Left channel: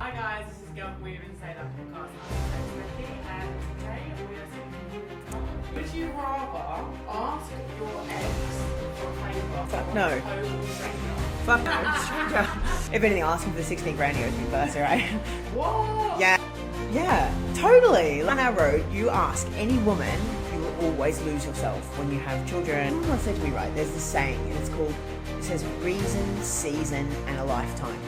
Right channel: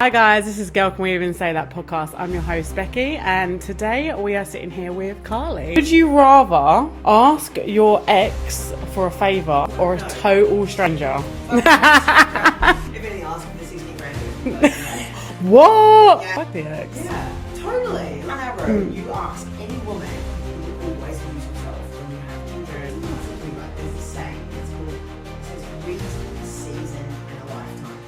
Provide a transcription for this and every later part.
Hi guys, this is Girl Can We Even Say That podcast. I'm your host Becky, and today we are sitting here with Carly. Would you rather ask your ex for a favour or a total stranger? If anything, ask him for 16 grand first, right? What? Yeah. Fuck the ex. Yeah, totally. On our road, you ask any woman, you will always lose yourself when you have children. Someone said to me, right, there's this saying, and it says reason, season, and a lifetime.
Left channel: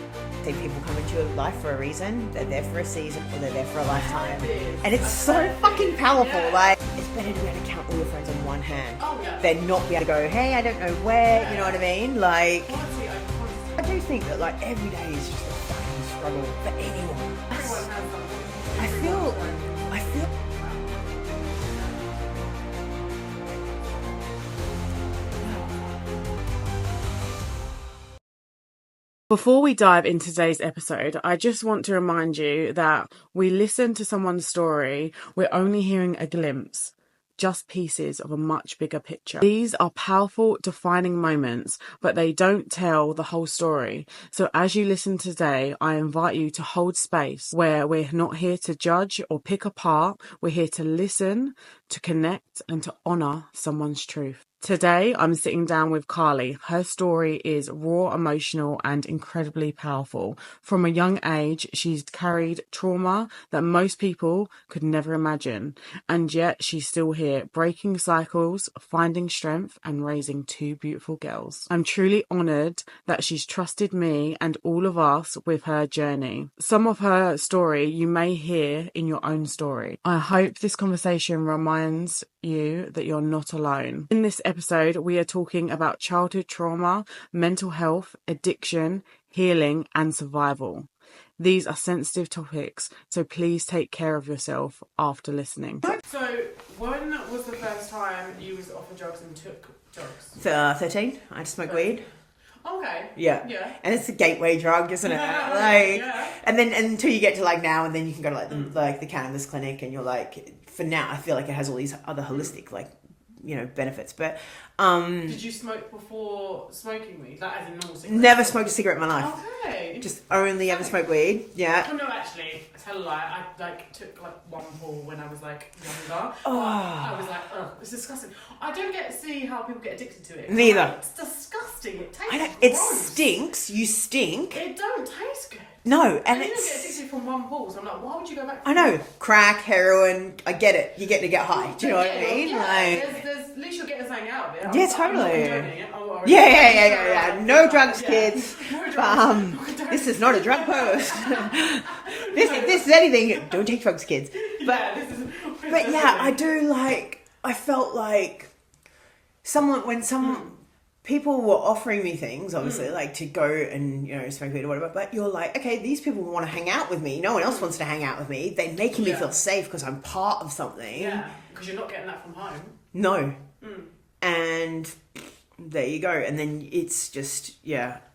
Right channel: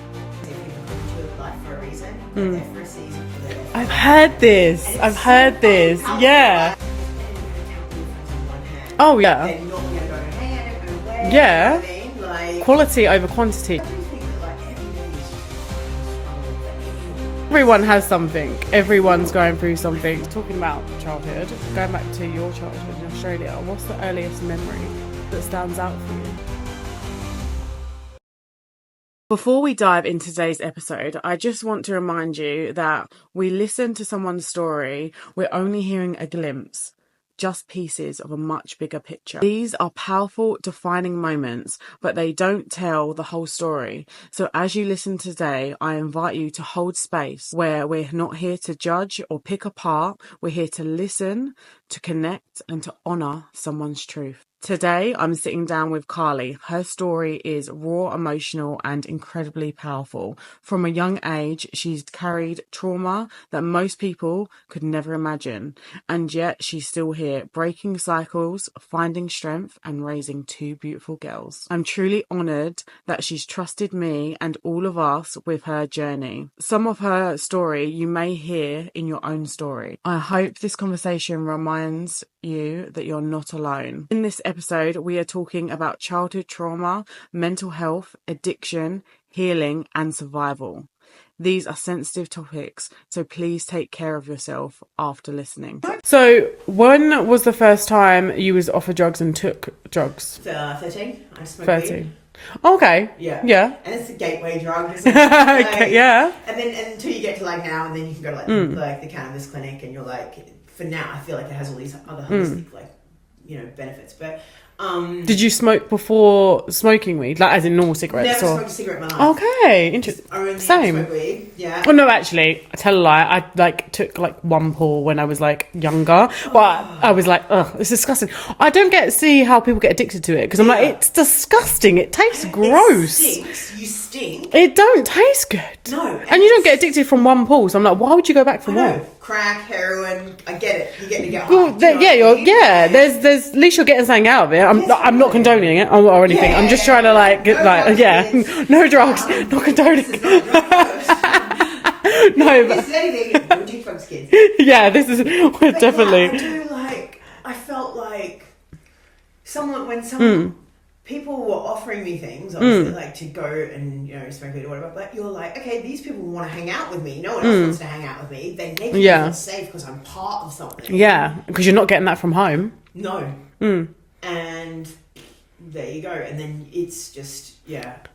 See, people come into your life for a reason, they're there for a season, or they're there for a lifetime. I've heard this. And it's I've so heard fucking this. powerful, Yeah. like, it's better to be able to count all your friends on one hand. Oh yeah. Than not be able to go, hey, I don't know where. Yeah. You know what I mean? Like, Quality over quantity. I do think that like every day is just a fucking struggle for anyone. Everyone has something. Everyone's going through something. Talking about childhood, going back to your childhood in Australia, what's the earliest memory that stands out for you? Before we dive into today's episode, I just want to remind you that we listen to someone's story, we're only hearing a glimpse, just pieces of a much bigger picture. These are powerful, defining moments, but they don't tell the whole story. So as you listen today, I invite you to hold space where we're not here to judge or pick apart. We're here to listen, to connect, and to honour someone's truth. Today, I'm sitting down with Carly. Her story is raw, emotional, and incredibly powerful. From a young age, she's carried trauma that most people could never imagine. And yet, she's still here, breaking cycles, finding strength, and raising two beautiful girls. I'm truly honoured that she's trusted me and all of us with her journey. Some of her story you may hear in your own story. I hope this conversation reminds you that you're not alone. In this episode, we are talking about childhood trauma, mental health, addiction, healing, and survival. These are sensitive topics, so please take care of yourself after listening. So, when was the first time you was offered drugs and took drugs? 13. I just smoked 13. weed. Okay. Yeah. Yeah. And it's a gateway drug, isn't it? Like, yeah. And then until you get to like now, and then you can go to like the cannabis clinic, and you're like, for now, I feel like it has all these other holistic like, you know, benefits. But did you smoke before smoking weed, like as in normal cigarettes? Never smoked a cigarette in my life. Okay, interesting. Only ever smoked weed. Yeah. Oh no, actually, I tell a lie. I like took like one pull when I was like younger, but I was like, ugh, it's disgusting. I don't see how people get addicted to it because I'm like, it's disgusting. It tastes gross. It stinks. You stink. It don't taste good. No, and you don't get addicted from one pull. So I'm like, why would you go back for I know. more? Crack, heroin. I get it. You're getting to get high. Well, there's at least you're getting something out of it. I'm not condoning it or anything. I'm just trying to like, no drugs, no drugs, not condoning. This is not a drug post. This is anything. Don't take drugs, kids. Yeah, this is definitely. Yeah, I do like. I felt like when people were offering me things, obviously, like to go and smoke weed or whatever. But you're like, okay, these people want to hang out with me. No one else wants to hang out with me. They make me feel safe because I'm part of something. Yeah, because you're not getting that from home. No. And there you go. And then it's just,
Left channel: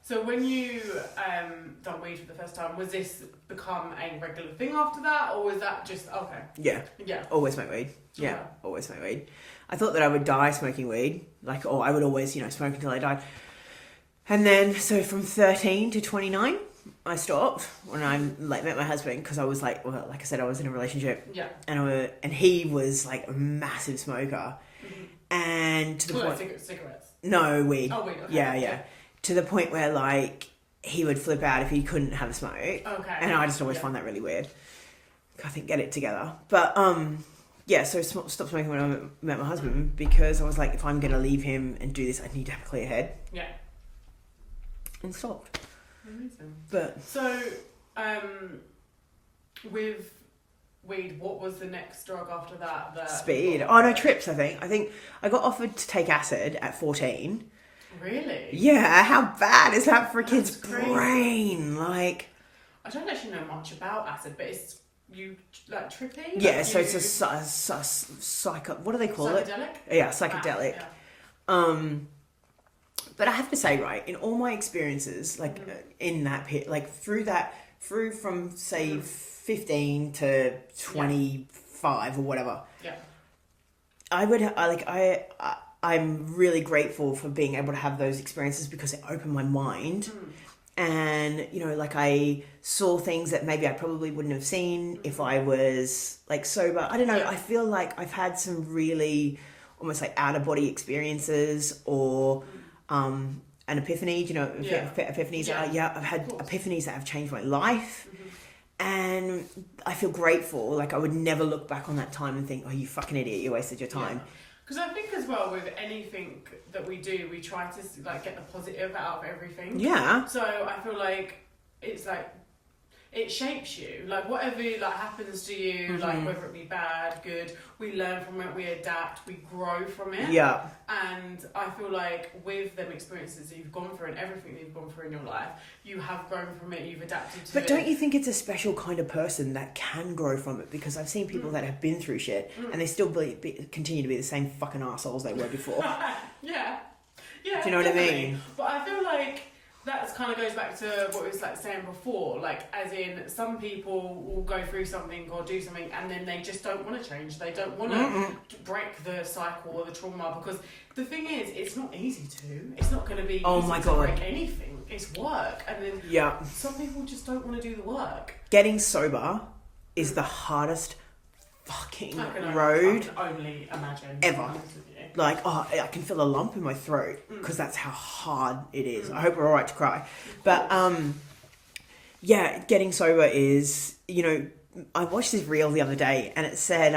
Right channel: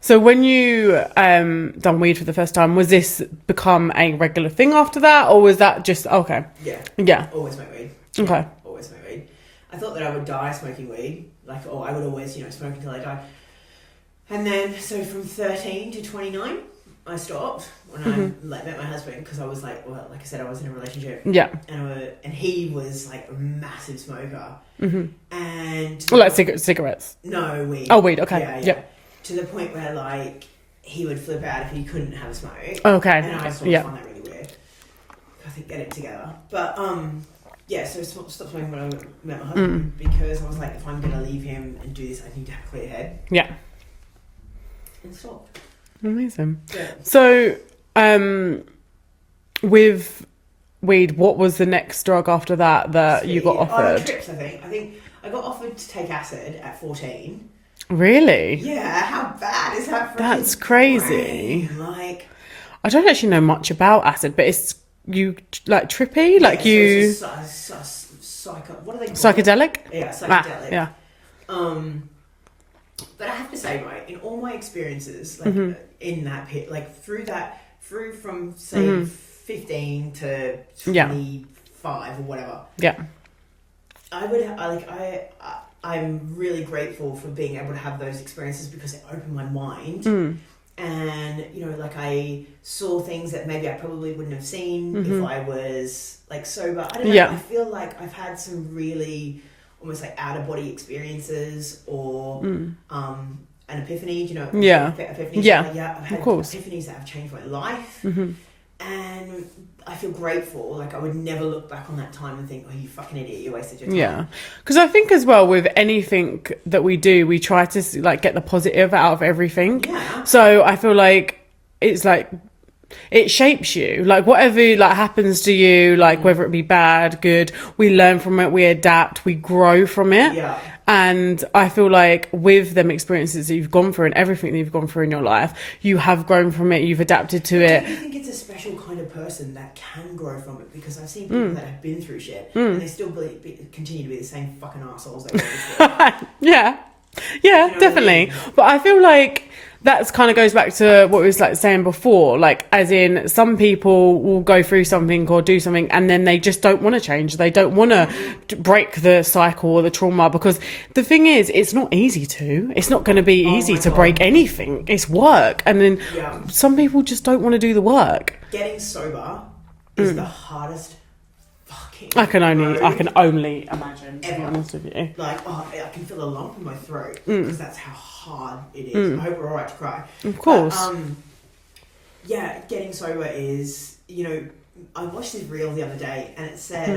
So when you done weed for the first time, was this become a regular thing after that? Or was that just, okay. Yeah. Always smoke weed. Okay. Yeah, always smoke weed. I thought that I would die smoking weed. Like, I would always, smoke until I died. And then, so from 13 to 29, I stopped when I met my husband because I was like, well, like I said, I was in a relationship. Yeah. And he was like a massive smoker. And like cigarettes? No, weed. Oh, weed. Okay. Yeah. To the point where like he would flip out if he couldn't have a smoke. Okay. And I just always find that really weird. I think get it together. But so stopped smoking when I met my husband because I was like, if I'm gonna leave him and do this, I need to have a clear head. Yeah. And stopped. Amazing. Yeah. So, with weed, what was the next drug after that Speed. you got offered? Oh, no, trips, I think. I think I got offered to take acid at 14. Really? Yeah, how bad is that for That's crazy. Brain? Like, I don't actually know much about acid, but it's you like trippy, like so you. It's what are they called? Psychedelic? Yeah, psychedelic. Yeah. But I have to say, right, in all my experiences, like in that pit, like through from say 15 to 25 or whatever. Yeah. I'm really grateful for being able to have those experiences because it opened my mind And, you know, like I saw things that maybe I probably wouldn't have seen if I was like sober. I don't know. Yeah. I feel like I've had some really almost like out of body experiences or an epiphany, you know. Yeah. Epiphanies. Yeah. Yeah. I've had epiphanies that have changed my life. And I feel grateful. Like I would never look back on that time and think, oh, you fucking idiot, you wasted your time. Yeah. Because I think as well with anything that we do, we try to like get the positive out of everything. Yeah. So I feel like it's like it shapes you, like whatever like happens to you, like whether it be bad, good, we learn from it, we adapt, we grow from it. Yeah. And I feel like with them experiences that you've gone through and everything that you've gone through in your life, you have grown from it, you've adapted to it. Don't you think it's a special kind of person that can grow from it? Because I've seen people that have been through shit and they still continue to be the same fucking assholes they were before. Yeah, you know definitely. what I mean? But I feel like that's kind of goes back to what we was like saying before, like as in some people will go through something or do something and then they just don't want to change, they don't want to break the cycle or the trauma, because the thing is it's not easy to, it's not going to be easy to break anything, it's work, and then some people just don't want to do the work. Getting sober is the hardest fucking I can only imagine, to be ever. honest with you. Like, oh, I can feel a lump in my throat because that's how hard it is. I hope we're all right to cry. Of course. But, yeah, getting sober is, you know, I watched this reel the other day and it said,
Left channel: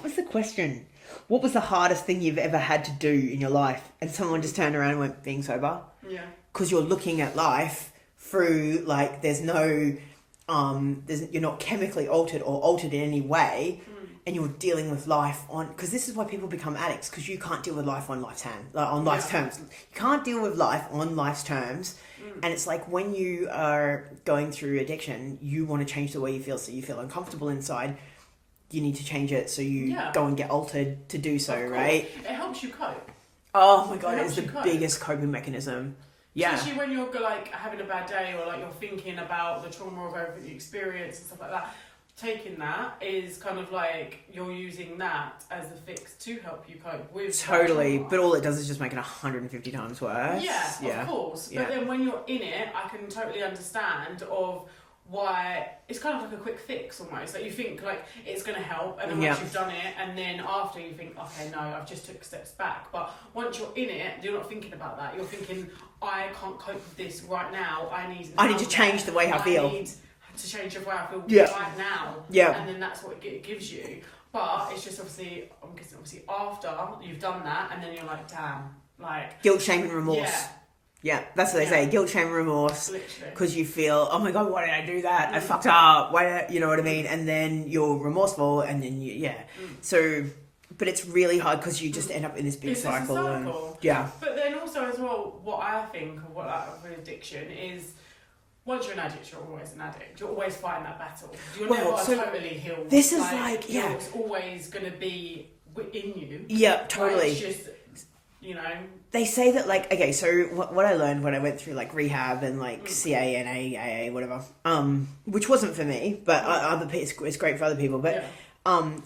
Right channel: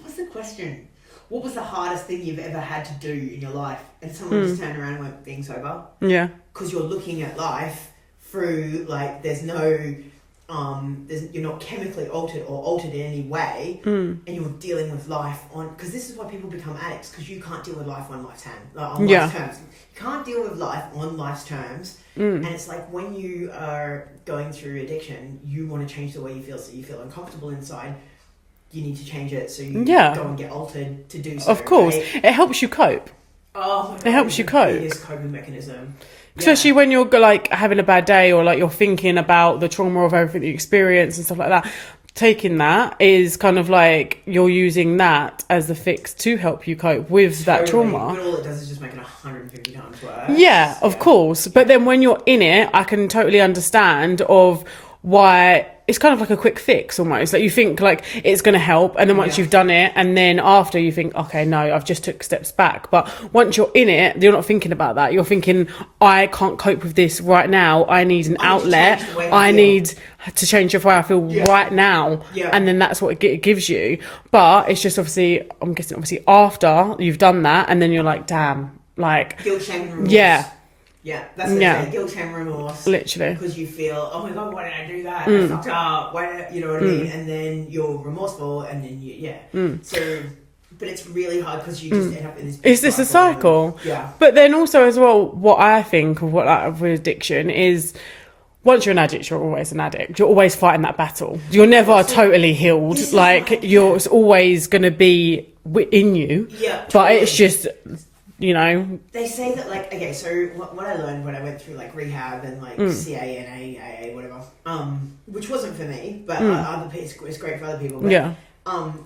what's the question? What was the hardest thing you've ever had to do in your life? And someone just turned around and went, being sober. Yeah. Because you're looking at life through, like, there's no... you're not chemically altered or altered in any way, and you're dealing with life on, because this is why people become addicts, because you can't deal with life on life's terms. You can't deal with life on life's terms, and it's like when you are going through addiction, you want to change the way you feel, so you feel uncomfortable inside. You need to change it, so you go and get altered to do so. Of course, right? it helps you cope. Oh my god, it helps you cope. Biggest coping mechanism. Especially when you're like having a bad day or like you're thinking about the trauma of everything that you experience and stuff like that. Taking that is kind of like you're using that as the fix to help you cope with that trauma. But all it does is just make it 150 times worse. Yeah, of course. But then when you're in it, I can totally understand of why it's kind of like a quick fix almost. Like you think like it's going to help, and then once you've done it, and then after you think, okay, no, I've just took steps back. But once you're in it, you're not thinking about that. You're thinking, I can't cope with this right now. I need an outlet. I need to change the way I feel right now. Yeah. And then that's what it gives you. But it's just obviously, I'm guessing obviously after you've done that, and then you're like, damn, like... Guilt, shame and remorse. Yeah, that's what I say. Guilt, shame, remorse. Literally. Because you feel, oh my God, why did I do that? I fucked up. Why, you know what I mean? And then you're remorseful, and then So, but it's really hard because you just end up in this big It's a cycle. And, But then also as well, what I think of with addiction is, once you're an addict, you're always an addict. You're always fighting that battle. You're never totally healed. It's always going to be in you. Yeah, totally. But it's just... You know, they say that like, okay, so what I learned when I went through like rehab and like CA and AA, whatever, which wasn't for me, but it's great for other people. But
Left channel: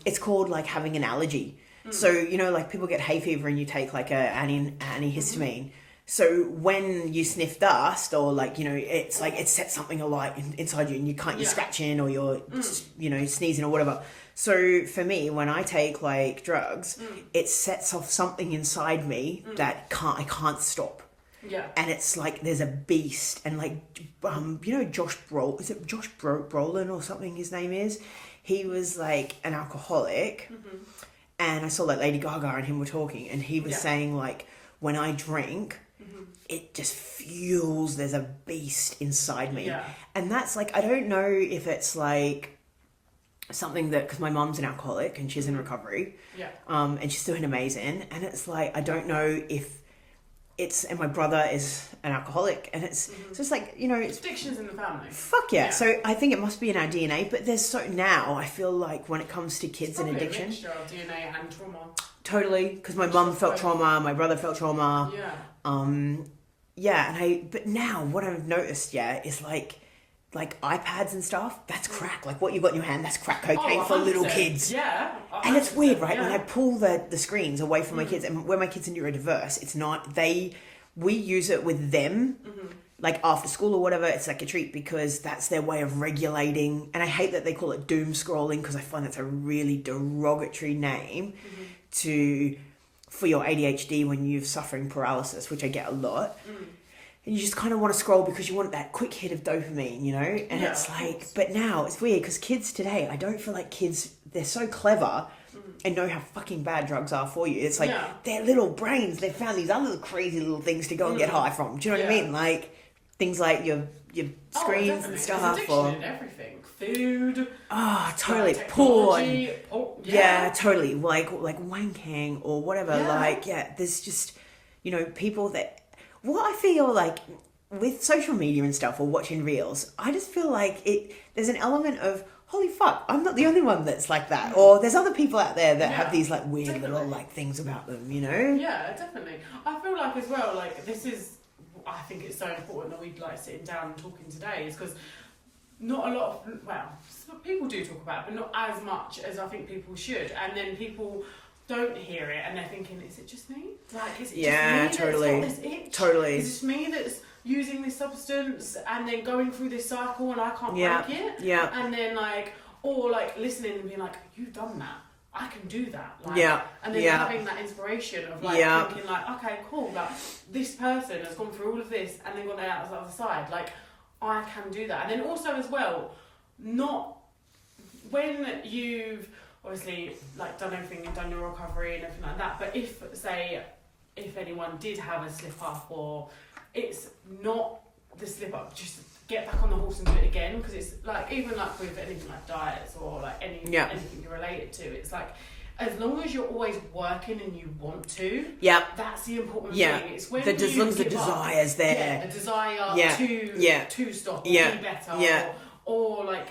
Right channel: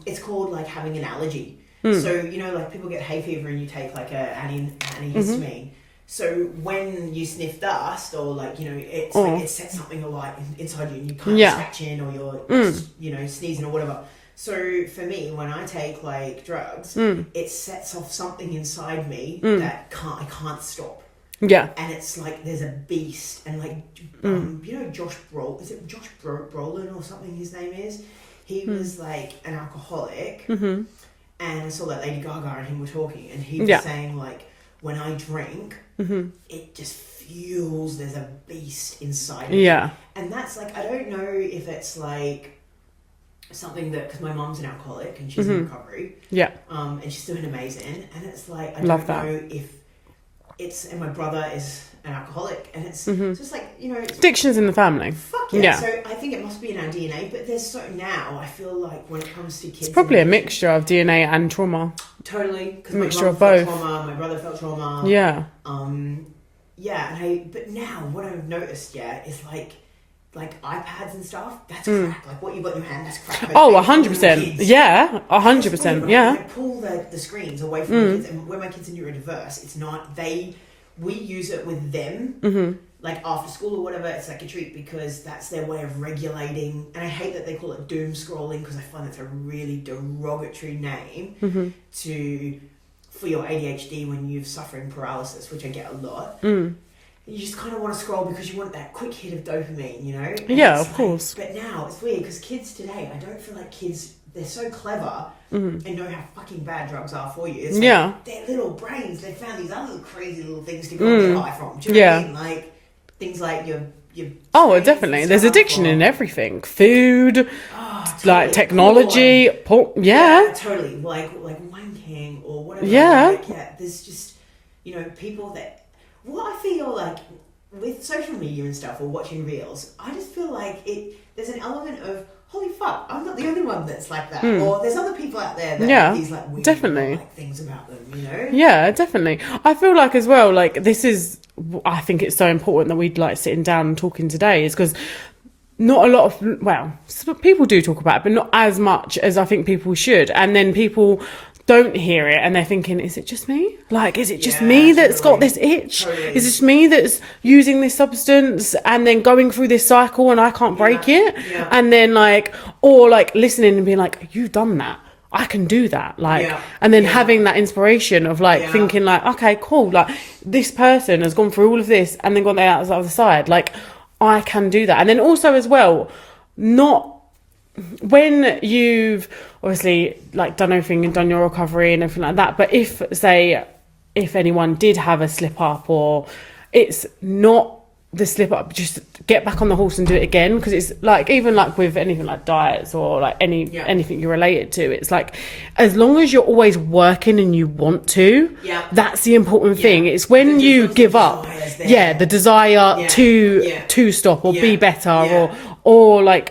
it's called like having an allergy. So you know, like people get hay fever and you take like a antihistamine. So when you sniff dust or like, you know, it's like it sets something alight inside you and you can't scratch in or you're you know, sneezing or whatever. So for me, when I take like drugs, it sets off something inside me that I can't stop. Yeah. And it's like there's a beast, and like you know Josh Brolin or something his name is? He was like an alcoholic, and I saw that Lady Gaga and him were talking, and he was saying like, when I drink, it just fuels, there's a beast inside me. Yeah. And that's like, I don't know if it's like something that, because my mum's an alcoholic and she's in recovery, and she's doing amazing, and it's like I don't know if it's, and my brother is an alcoholic, and it's just like, you know, addiction's in the family. Fuck yeah. So I think it must be in our DNA, but there's now I feel like when it comes to kids, it's probably a mixture of DNA and trauma. Totally, because my mum felt trauma, my brother felt trauma. Yeah. But now what I've noticed is like iPads and stuff, that's crack. Like what you've got in your hand, that's crack. 100%. Yeah, 100%. Right? Yeah. I pull the screens away from my kids, and where my kids are neurodiverse, it's not, we use it with them like after school or whatever, it's like a treat because that's their way of regulating. And I hate that they call it doom scrolling because I find that's a really derogatory name for your ADHD when you're suffering paralysis, which I get a lot. And you just kind of want to scroll because you want that quick hit of dopamine, you know? And yeah, of course. But now it's weird because kids today, I don't feel like kids, they're so clever and know how fucking bad drugs are for you. It's like their little brains, they've found these other crazy little things to go and get high from. Do you know what I mean? Like things like your oh, definitely. There's addiction in everything. Food, totally. like technology, yeah, totally. Like wanking or whatever. Yeah. Like, there's just, you know, people that, what I feel like with social media and stuff or watching reels, I just feel like there's an element of, holy fuck, I'm not the only one that's like that. Or there's other people out there that have these like weird like things about them, you know? Yeah, definitely. I feel like as well, like this is, I think it's so important that we'd like sitting down and talking today is because not a lot of, well, people do talk about it, but not as much as I think people should. And then people don't hear it and they're thinking, is it just me? Like, is it just me that's got this itch? Totally. Is it just me that's using this substance and then going through this cycle and I can't break it? Yeah. And then like, or like listening and being like, you've done that. I can do that. Like, and then having that inspiration of like thinking like, okay, cool. Like this person has gone through all of this and then gone out the other side. Like I can do that. And then also as well, not when you've obviously like done everything and done your recovery and everything like that. But if anyone did have a slip up or it's not the slip up, just get back on the horse and do it again. Because it's like, even like with anything like diets or like anything you're related to, it's like, as long as you're always working and you want to, that's the important thing. It's when you give up, the desire to stop or be better or like,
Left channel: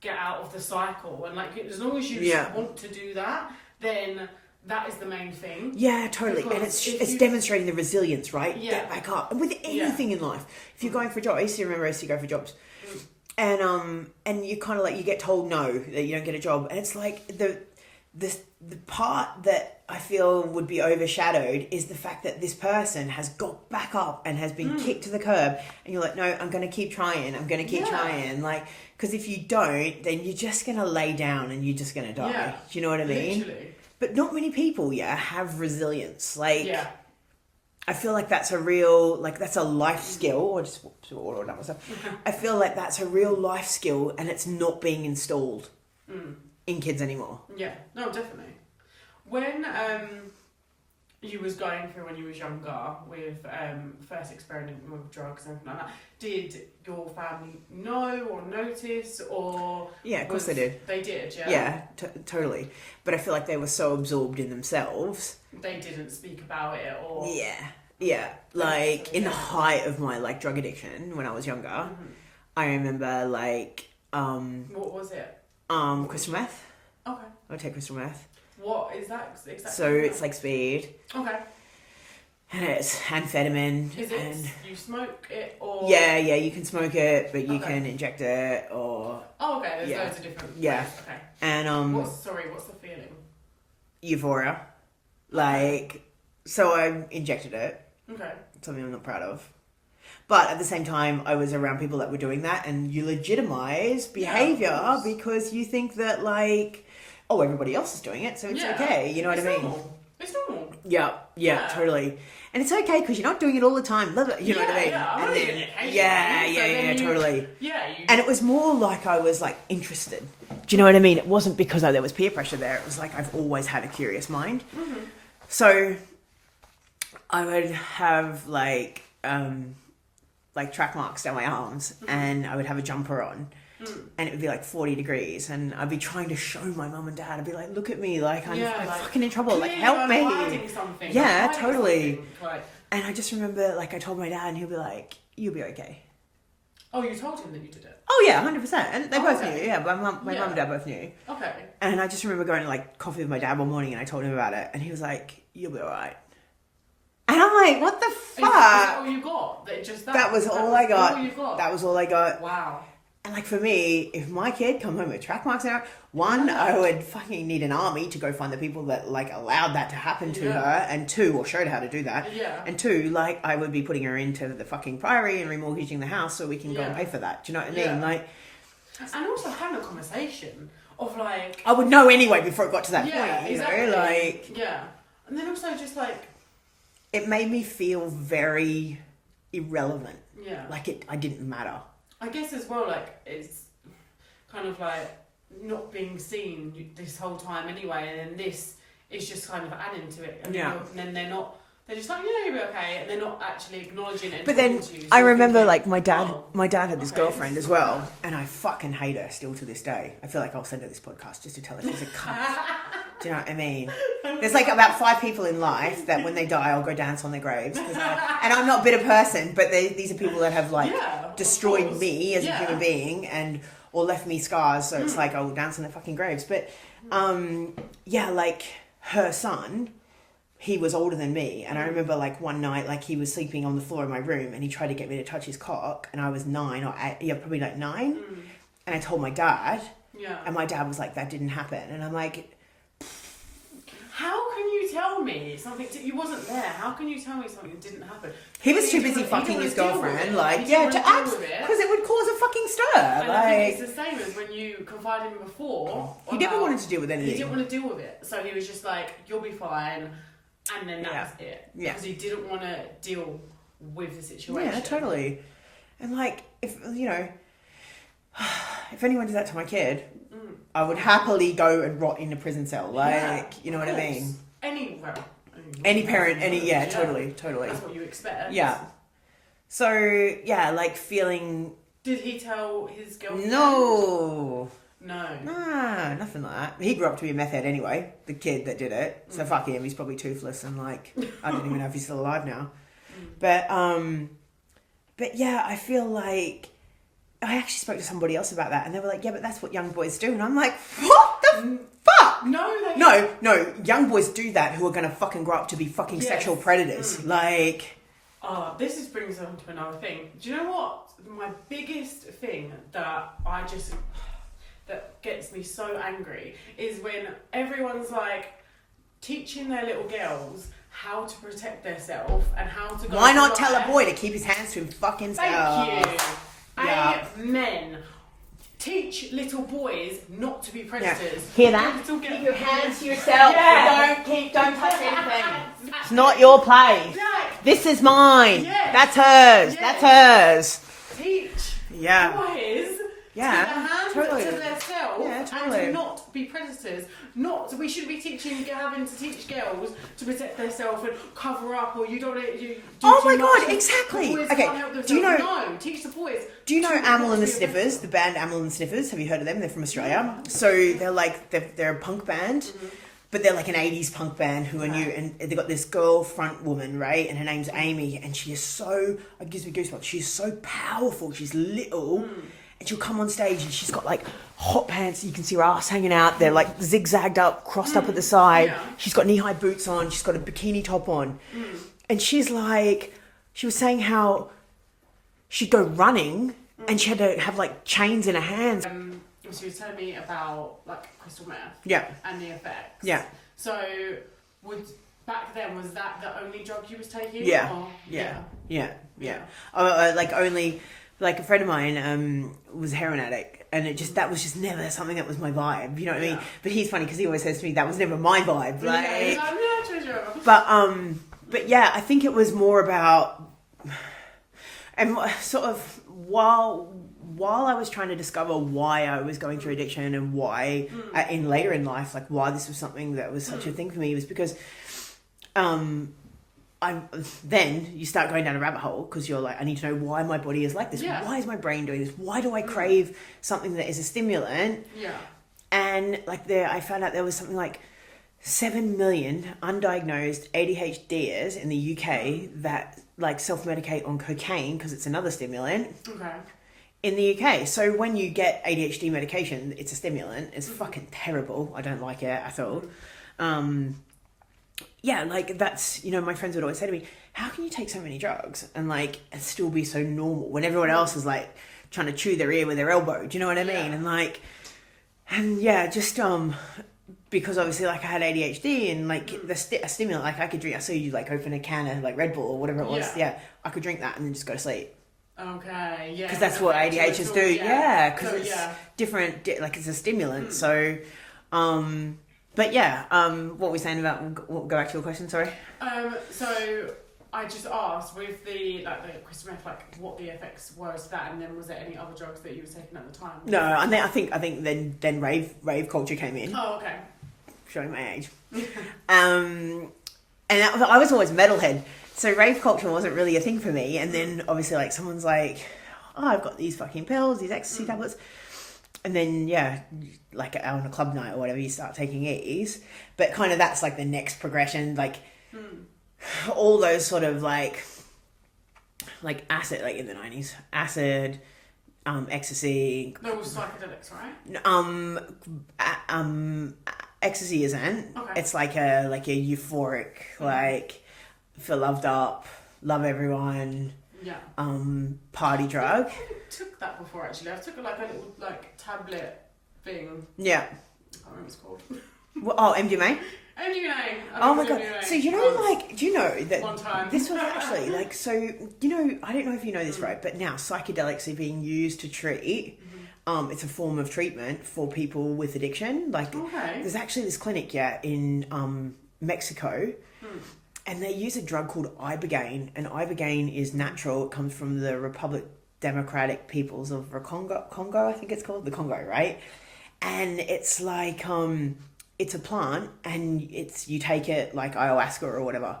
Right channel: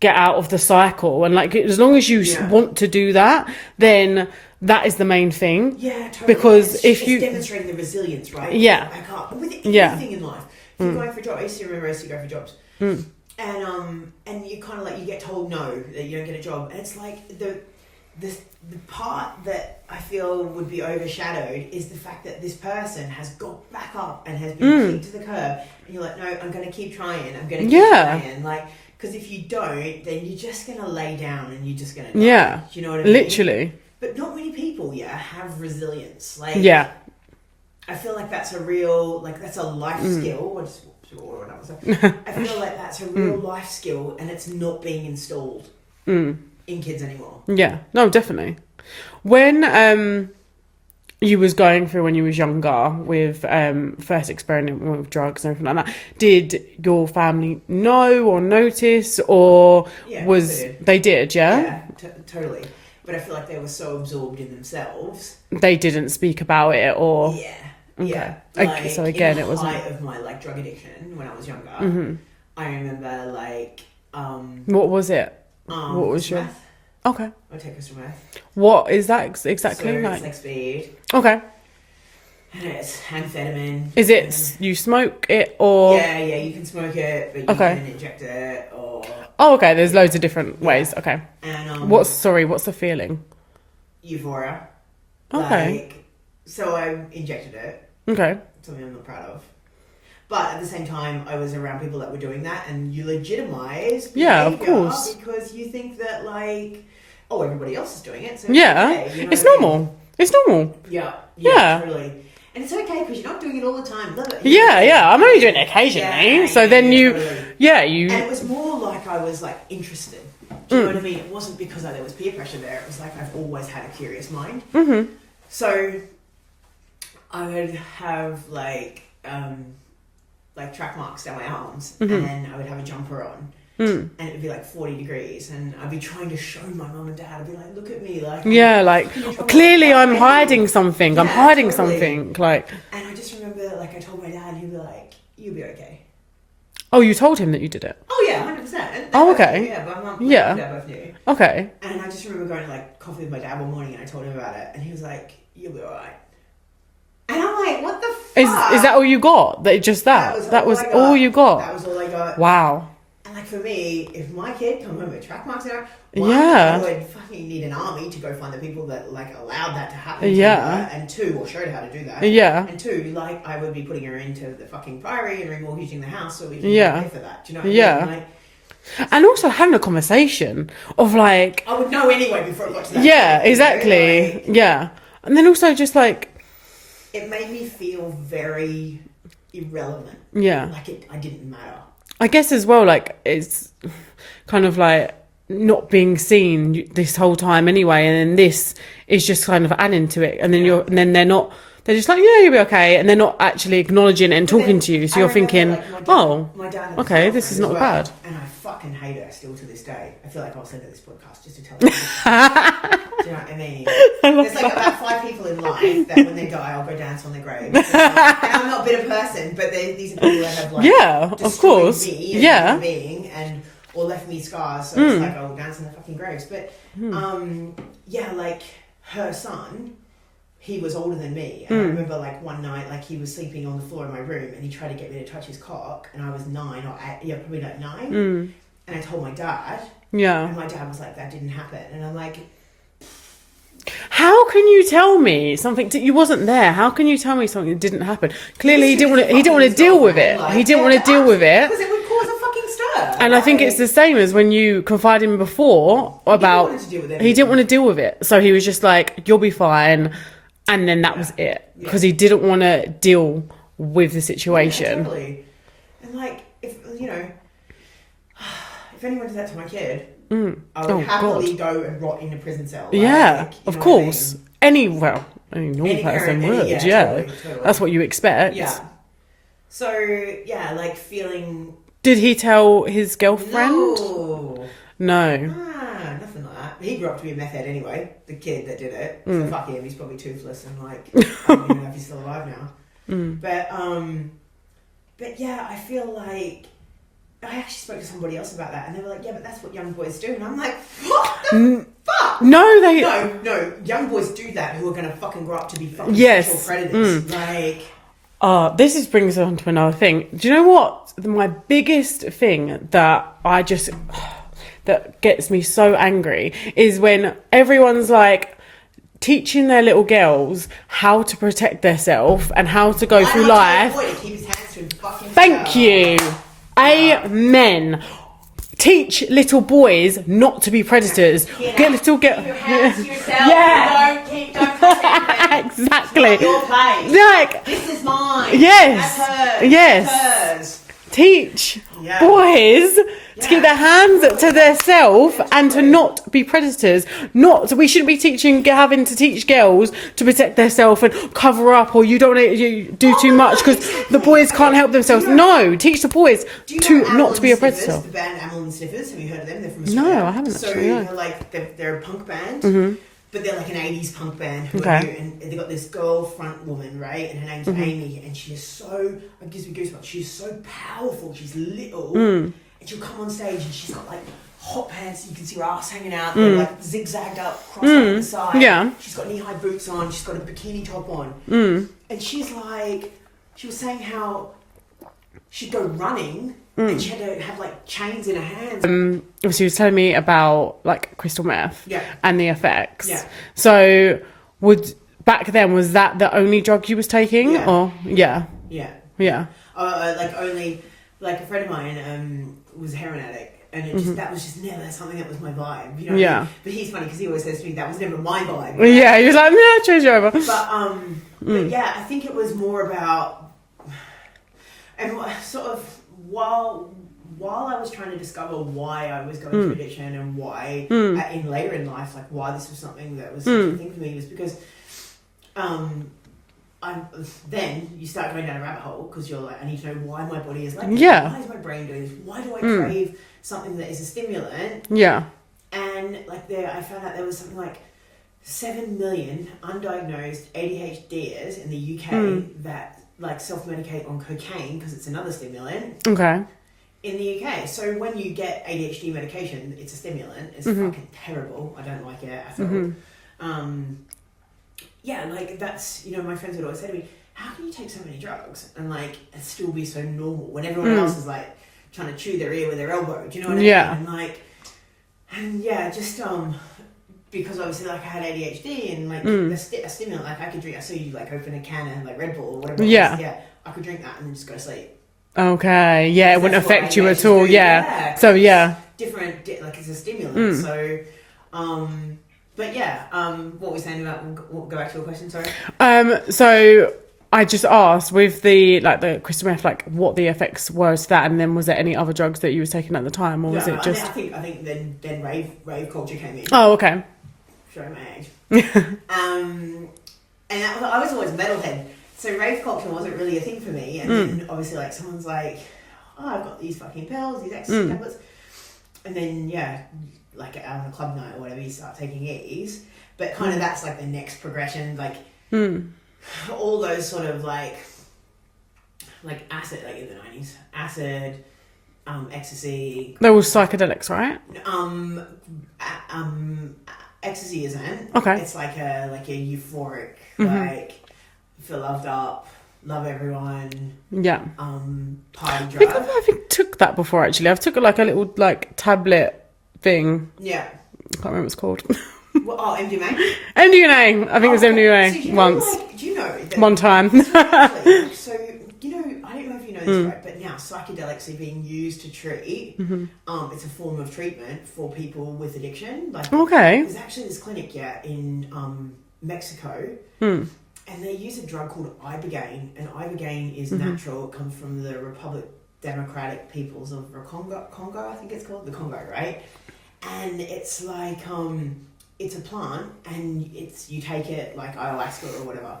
get out of the cycle. And like, as long as you want to do that, then that is the main thing. Yeah, totally. Because it's demonstrating the resilience, right? Yeah. Back up. And with anything in life. If you're going for a job, I used to go for jobs. And you kind of like, you get told no, that you don't get a job. And it's like the part that I feel would be overshadowed is the fact that this person has got back up and has been kicked to the curb. And you're like, no, I'm going to keep trying. I'm going to keep trying. Like, because if you don't, then you're just going to lay down and you're just going to die. Yeah. Do you know what I mean? Literally. But not many people, have resilience. Like, I feel like that's a real, like, that's a life skill. Or just water or that stuff. I feel like that's a real life skill, and it's not being installed in kids anymore. Yeah, no, definitely. When you was going through when you was younger with first experimenting with drugs and everything like that, did your family know or notice, or they did? Yeah, totally. But I feel like they were so absorbed in themselves, they didn't speak about it, or like, so again, in the height of my like drug addiction when I was younger, I remember like what was it? What was your meth? Okay, I would take crystal meth. What is that exactly? So it's like speed. Okay. And it's amphetamine. Is it you smoke it or? Yeah, you can smoke it, but you can inject it or. Oh, okay. There's loads of different ways. Okay. And what's the feeling? Euphoria. Okay. Like, so I injected it. Okay. Something I'm not proud of. But at the same time, I was around people that were doing that, and you legitimize behavior because you think that like, oh, everybody else is doing it, so it's okay. You know it's normal. It's normal. Yeah, totally. And it's okay because you're not doing it all the time. Love it. I'm only doing it occasionally. So then totally. you. And it was more like I was like interested. Do you know what I mean? It wasn't because there was peer pressure there. It was like I've always had a curious mind. Mm-hmm. So I would have like track marks down my arms, and I would have a jumper on. And it would be like 40 degrees, and I'd be trying to show my mum and dad. I'd be like, look at me, like, clearly I'm hiding something. I'm hiding something, like. And I just remember, like, I told my dad, and he'll be like, you'll be okay. Oh, you told him that you did it? Oh yeah, 100%. And okay. Knew, but my mum and dad both knew. Okay. And I just remember going to like coffee with my dad one morning, and I told him about it, and he was like, you'll be alright. And I'm like, what the fuck? Is that all you got? That was all you got? That was all I got. Wow. And like for me, if my kid come home with track marks in it, one, Yeah. I would fucking need an army to go find the people that like allowed that to happen to Yeah. her, and two, or showed her how to do that. Yeah. And two, like I would be putting her into the fucking priory and remortgaging the house so we can Yeah. pay for that. Do you know what I Yeah. mean? Like, And also having a conversation of like, I would know anyway before it got to that. yeah, point, you know? exactly. Like, Yeah. And then also just like, it made me feel very irrelevant. yeah. Like I didn't matter. I guess as well, like, it's kind of like not being seen this whole time anyway. And then this is just kind of adding to it. And then and then they're just like, yeah, you'll be okay. And they're not actually acknowledging it and But talking then to you. So I you're remember, thinking, like, my dad had this okay, this girlfriend is not as well, bad. and I fucking hate her still to this day. I feel like I'll send her this podcast just to tell her. Do you know what I mean? There's like about 5 people in life that when they die, I'll go dance on their grave. And I'm not a bitter person, but these are people that have like of destroyed course. me as a human being and or left me scars. So it's like I will dance on their fucking graves. But like her son, he was older than me, and I remember like one night, like he was sleeping on the floor of my room, and he tried to get me to touch his cock, and I was 9 or 8, probably like 9, and I told my dad, and my dad was like, "That didn't happen," and I'm like, how can you tell me something? You wasn't there. How can you tell me something that didn't happen? Clearly, he didn't want to. He didn't want to deal with it. Like, he didn't want to deal with it. because it would cause a fucking stir. And I think it's the same as when you confided in before about want to deal with he anything. didn't want to deal with it, so he was just like, "You'll be fine," and then that was it because he didn't want to deal with the situation. Yeah, totally. And like, if you know, if anyone did that to my kid, I would happily go and rot in a prison cell. Like, Yeah, you know of what course. I mean? Any normal parent, person would. totally. That's what you expect. Yeah. So yeah, like feeling. Did he tell his girlfriend? No. No. Nah, nothing like that. He grew up to be a meth head anyway, the kid that did it. So fuck him, he's probably toothless and like, I don't even know if he's still alive now. But yeah, I feel like, I actually spoke to somebody else about that and they were like, yeah, but that's what young boys do. And I'm like, what the fuck? No, No, young boys do that who are going to fucking grow up to be fucking sexual predators. Like... this brings us on to another thing. Do you know what? My biggest thing that that gets me so angry is when everyone's like teaching their little girls how to protect themselves and how to go through life. Why not tell a boy to keep his hands to his fucking Thank you. Yeah. Amen. Teach little boys not to be predators. Hear that? Keep your hands to yourself. Yeah. Don't touch anything. Exactly. It's not your place. Like, this is mine. Yes. That's hers. Yes. That's hers. Teach boys to keep their hands to themselves and to not be predators. We shouldn't be having to teach girls to protect themselves and cover up, or you don't want to do too much because the boys can't help themselves. No, teach the boys not to be a predator. The band Amyl and Sniffers, have you heard of them? They're from Australia. No, I haven't. So they're a punk band. But they're like an 80s punk band and they've got this girl front woman, right? And her name's Amy, and she is so, it gives me goosebumps, she's so powerful, she's little, and she'll come on stage and she's got like hot pants, you can see her ass hanging out, they're like zigzagged up, crossed up at the side. Yeah. She's got knee-high boots on, she's got a bikini top on. And she's like, she was saying how she'd go running and she had to have like chains in her hands. She was telling me about like crystal meth and the effects. Yeah. So back then, was that the only drug you was taking? Yeah. Or Yeah. Like a friend of mine was a heroin addict, and it just that was just never something that was my vibe, you know what I mean? But he's funny because he always says to me that was never my vibe, right? Yeah, he was like, nah, change you over. But yeah, I think it was more about, and sort of while I was trying to discover why I was going through addiction and why in later in life, like why this was something that was such a thing for me, was because then you start going down a rabbit hole because you're like, I need to know why my body is like this. Yeah. Why is my brain doing this? Why do I crave something that is a stimulant? Yeah. And like I found out there was something like 7 million undiagnosed ADHDers in the UK that like self-medicate on cocaine because it's another stimulant. Okay. In the UK. So when you get ADHD medication, it's a stimulant. It's fucking terrible. I don't like it. I thought, yeah, like that's, you know, my friends would always say to me, how can you take so many drugs and like and still be so normal when everyone else is like trying to chew their ear with their elbow. Do you know what I mean? And like, and yeah, just because obviously like I had ADHD and like a stimulant, like I could drink. I saw you like open a can of like Red Bull or whatever. It was. Yeah, I could drink that and then just go to sleep. Okay, yeah, it wouldn't affect you at all. Yeah, so yeah, different, like it's a stimulant. So, but yeah, what were we saying about? We'll go back to your question. Sorry. So I just asked with the crystal meth, like what the effects were to that, and then was there any other drugs that you were taking at the time, or was it just? I think then rave culture came in. Oh, okay. Showing my age. And I was always metalhead. So rave culture wasn't really a thing for me. And then obviously like someone's like, oh, I've got these fucking pills, these ecstasy tablets. And then, yeah, like on a club night or whatever, you start taking E's. But kind of that's like the next progression. Like all those sort of like acid, like in the 90s, acid, ecstasy. They're all psychedelics, right? Ecstasy isn't. Okay. It's like a euphoric, like feel loved up, love everyone. Yeah. Party drug. I think took that before actually. I've took like a little like tablet thing. Yeah. I can't remember what it's called. MDMA? MDMA. I think it was MDMA so, you know, once. Like, do you know that one time. actually, like, so, you know, I don't know if you know this, right, but now psychedelics are being used to treat. It's a form of treatment for people with addiction. Like, okay. There's actually this clinic, in Mexico, and they use a drug called ibogaine, and ibogaine is natural. It comes from the Republic Democratic Peoples of Congo, I think it's called, the Congo, right? And it's like, it's a plant, and you take it like ayahuasca or whatever,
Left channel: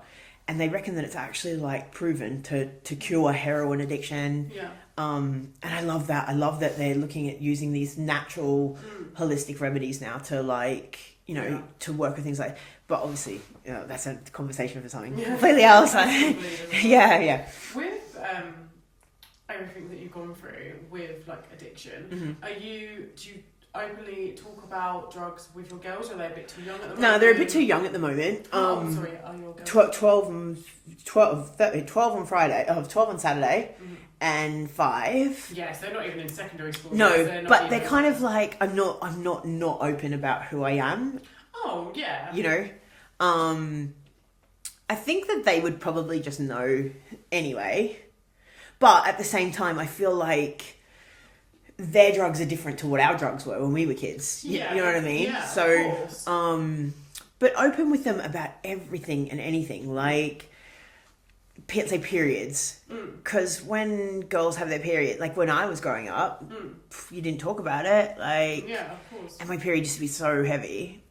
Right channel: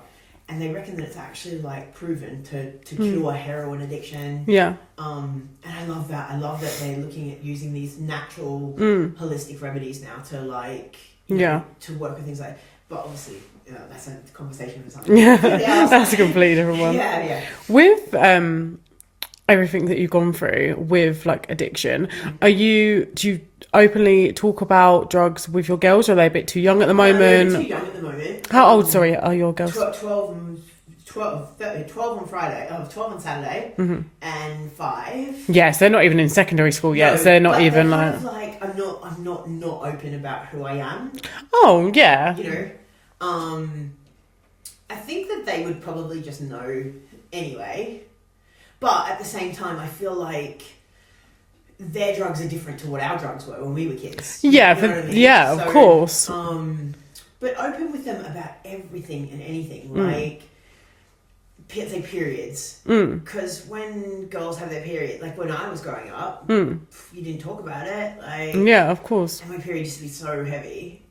and they reckon that it's actually like proven to cure heroin addiction. Yeah. And I love that. I love that they're looking at using these natural holistic remedies now to like, you know, to work with things like, but obviously, you know, that's a conversation for something. Yeah. That's a completely different one. Yeah. With everything that you've gone through with like addiction, do you openly talk about drugs with your girls, or are they a bit too young at the moment? No, they're a bit too young at the moment. How old, sorry, are your girls? 12 on Friday, 12 on Saturday, and 5. Yes, they're not even in secondary school yet. So they're not even they're kind of like, I'm not open about who I am. Oh, yeah. You know? I think that they would probably just know anyway. But at the same time, I feel like their drugs are different to what our drugs were when we were kids. Yeah, you know what I mean? Yeah, of course. But open with them about everything and anything, like, say, periods. Because when girls have their period, like when I was growing up, you didn't talk about it. Like, yeah, of course. And my period used to be so heavy.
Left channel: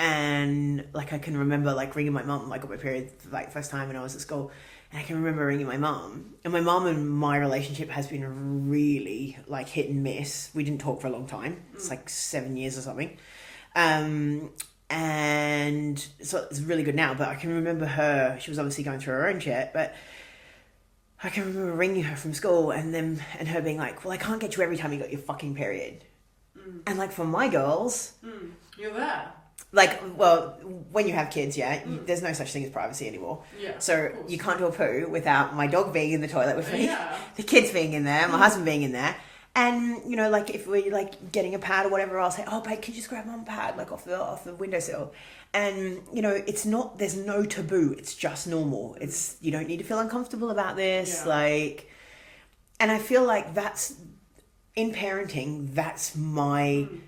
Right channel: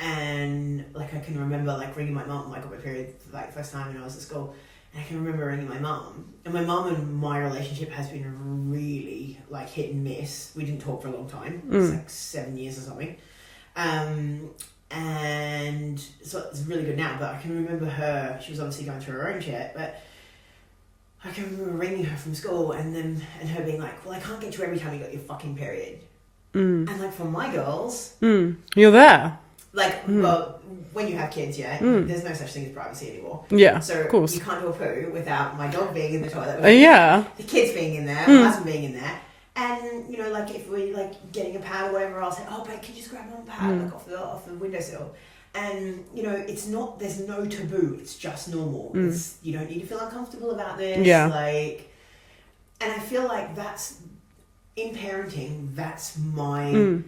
And, like, I can remember, like, ringing my mum, like, on my period, like, the first time when I was at school. And I can remember ringing my mum. And my mum and my relationship has been really, like, hit and miss. We didn't talk for a long time. It's, like, 7 years or something. And so it's really good now. But I can remember her, she was obviously going through her own shit. But I can remember ringing her from school and her being like, well, I can't get you every time you got your fucking period. And, like, for my girls... You're there. Like, well, when you have kids, there's no such thing as privacy anymore. Yeah, so of course. You can't do a poo without my dog being in the toilet with me, the kids being in there, my husband being in there. And, you know, like, if we're, like, getting a pad or whatever, I'll say, oh, babe, can you just grab one pad, like, off the windowsill? And, you know, it's not, there's no taboo. It's just normal. It's, you don't need to feel uncomfortable about this. Yeah. Like, and I feel like that's, in parenting, that's my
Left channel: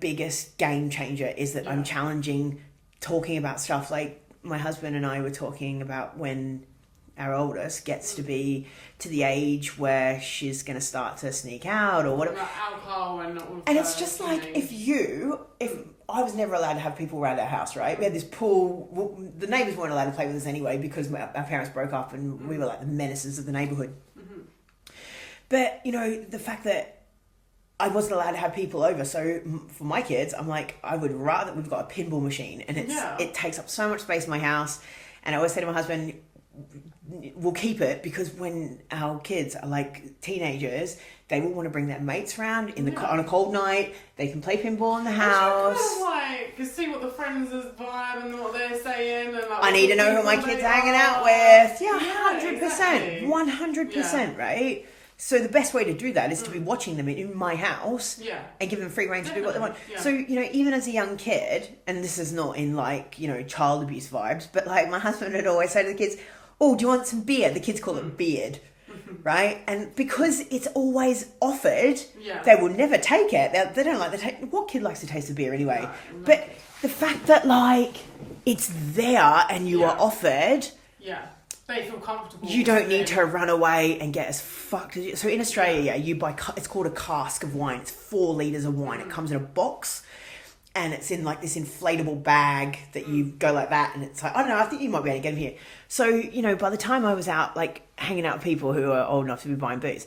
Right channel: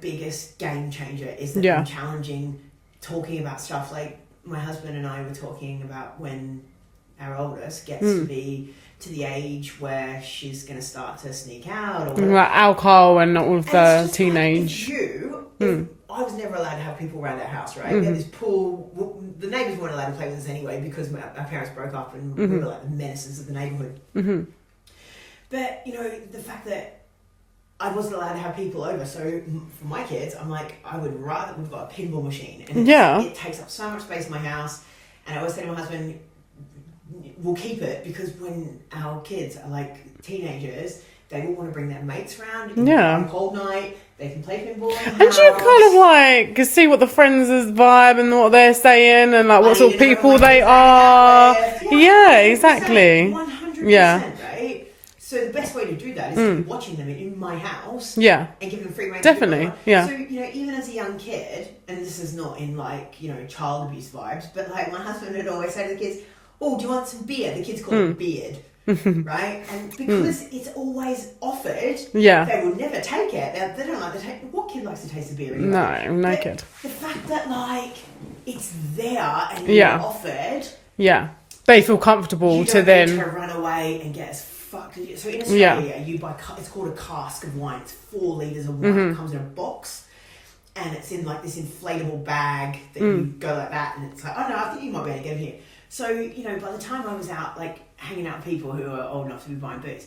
biggest game changer, is that I'm challenging talking about stuff. Like, my husband and I were talking about when our oldest gets to be to the age where she's going to start to sneak out or whatever. Like alcohol and all the teenage. Like, if I was never allowed to have people around our house, right? We had this pool. The neighbours weren't allowed to play with us anyway because our parents broke up and we were like the menaces of the neighbourhood. But, you know, the fact that I wasn't allowed to have people over, so for my kids, I'm like, I would rather, we've got a pinball machine, and it takes up so much space in my house, and I always say to my husband, we'll keep it, because when our kids are like teenagers, they will want to bring their mates around on a cold night, they can play pinball in the house. And you kind of like see what the friends' vibe and what they're saying, and like what sort of people they are. Yeah, exactly. 100%, right? So the best way to do that is to be watching them in my house. Yeah. And give them free reign. Definitely. Yeah. So, you know, even as a young kid, and this is not in like, you know, child abuse vibes, but like my husband would always say to the kids, oh, do you want some beer? The kids call it beard. Right? And because it's always offered, they will never take it. They don't like the taste. What kid likes to taste the beer anyway? No kid. The fact that like it's there and you're offered. Yeah. They feel comfortable you to don't then need to run away and get as fucked as you. So in Australia, you buy, it's called a cask of wine. It's 4 litres of wine. It comes in a box. And it's in like this inflatable bag that you go like that. And it's like, I don't know, I think you might be able to get them here. So, you know, by the time I was out, like, hanging out with people who are old enough to be buying booze,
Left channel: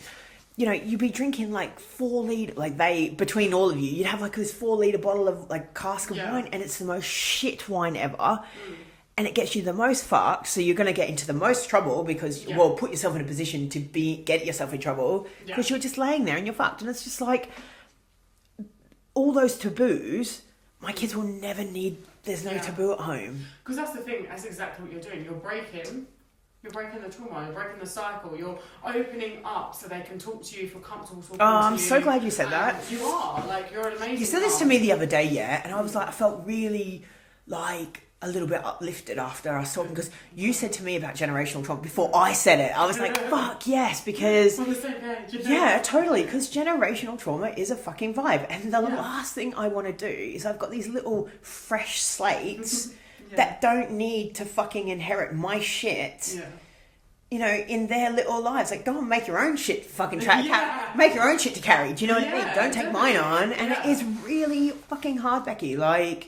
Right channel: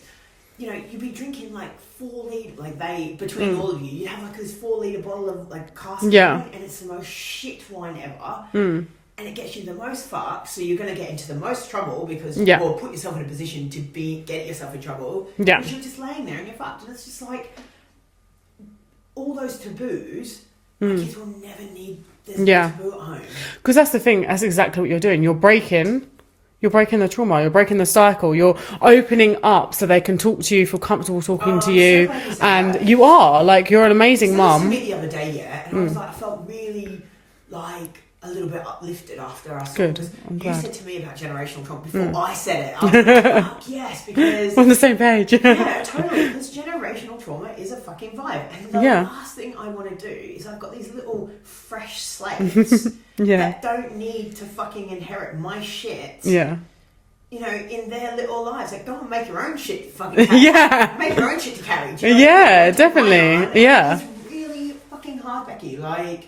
you know, you'd be drinking, like, 4 litre, like, between all of you, you'd have, like, this 4 litre bottle of, like, cask wine, and it's the most shit wine ever. And it gets you the most fucked, so you're going to get into the most trouble because, or put yourself in a position to get yourself in trouble because you're just laying there and you're fucked. And it's just like, all those taboos, my kids will never need... There's no taboo at home. Because that's the thing. That's exactly what you're doing. You're breaking the trauma. You're breaking the cycle. You're opening up so they can talk to you, feel comfortable talking to you. I'm so glad you said that. You are like, you're an amazing mum. To me the other day, and I was like, I felt really like a little bit uplifted after I saw this. You said to me about generational trauma before I said it. I was like, fuck yes, because we're on the same page. Yeah, totally. Because generational trauma is a fucking vibe. And the last thing I want to do is I've got these little fresh slates that don't need to fucking inherit my shit. Yeah. You know, in their little lives, like go and make your own shit to fucking carry. Make your own shit to carry. Do you know what I mean? Definitely. Yeah. It's really fucking hard, Becky. Like,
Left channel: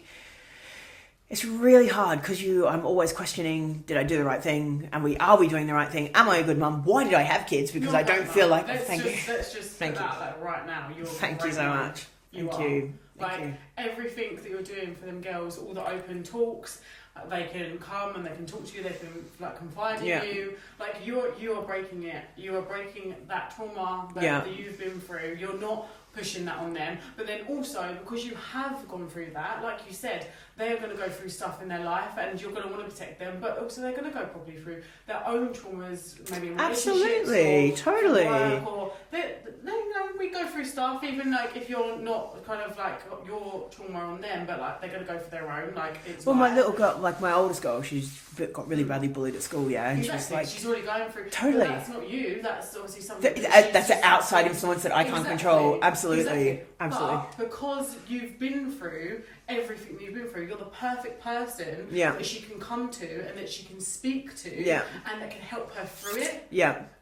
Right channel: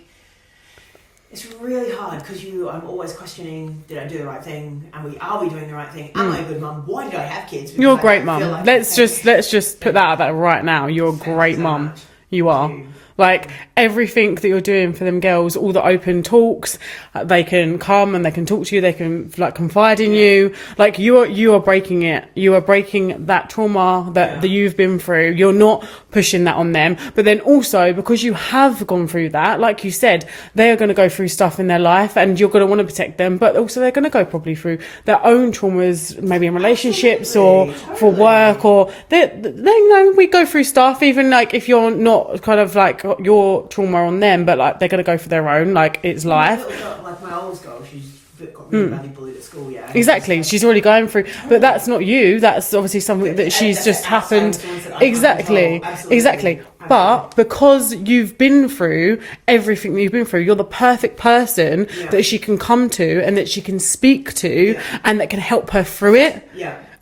it's really hard because I'm always questioning, did I do the right thing? Are we doing the right thing? Am I a good mum? Why did I have kids? Because you're a great mum. Like let's just put that out there right now. You're a great mum. You are. Like everything that you're doing for them girls, all the open talks, they can come and they can talk to you, they can like confide in you. Like you are breaking it. You are breaking that trauma that you've been through. You're not pushing that on them. But then also because you have gone through that, like you said, they are going to go through stuff in their life and you're going to want to protect them, but also they're going to go probably through their own traumas, maybe in relationships or for work, or they you know, we go through stuff even like if you're not kind of like your trauma on them, but like they're gonna go for their own, like it's life. My little girl, like my oldest girl, she's got really badly bullied at school. Exactly, she's already going through, but that's not you. That's obviously something that she's just happened. Exactly. But because you've been through everything that you've been through, you're the perfect person that she can come to and that she can speak to and that can help her through it.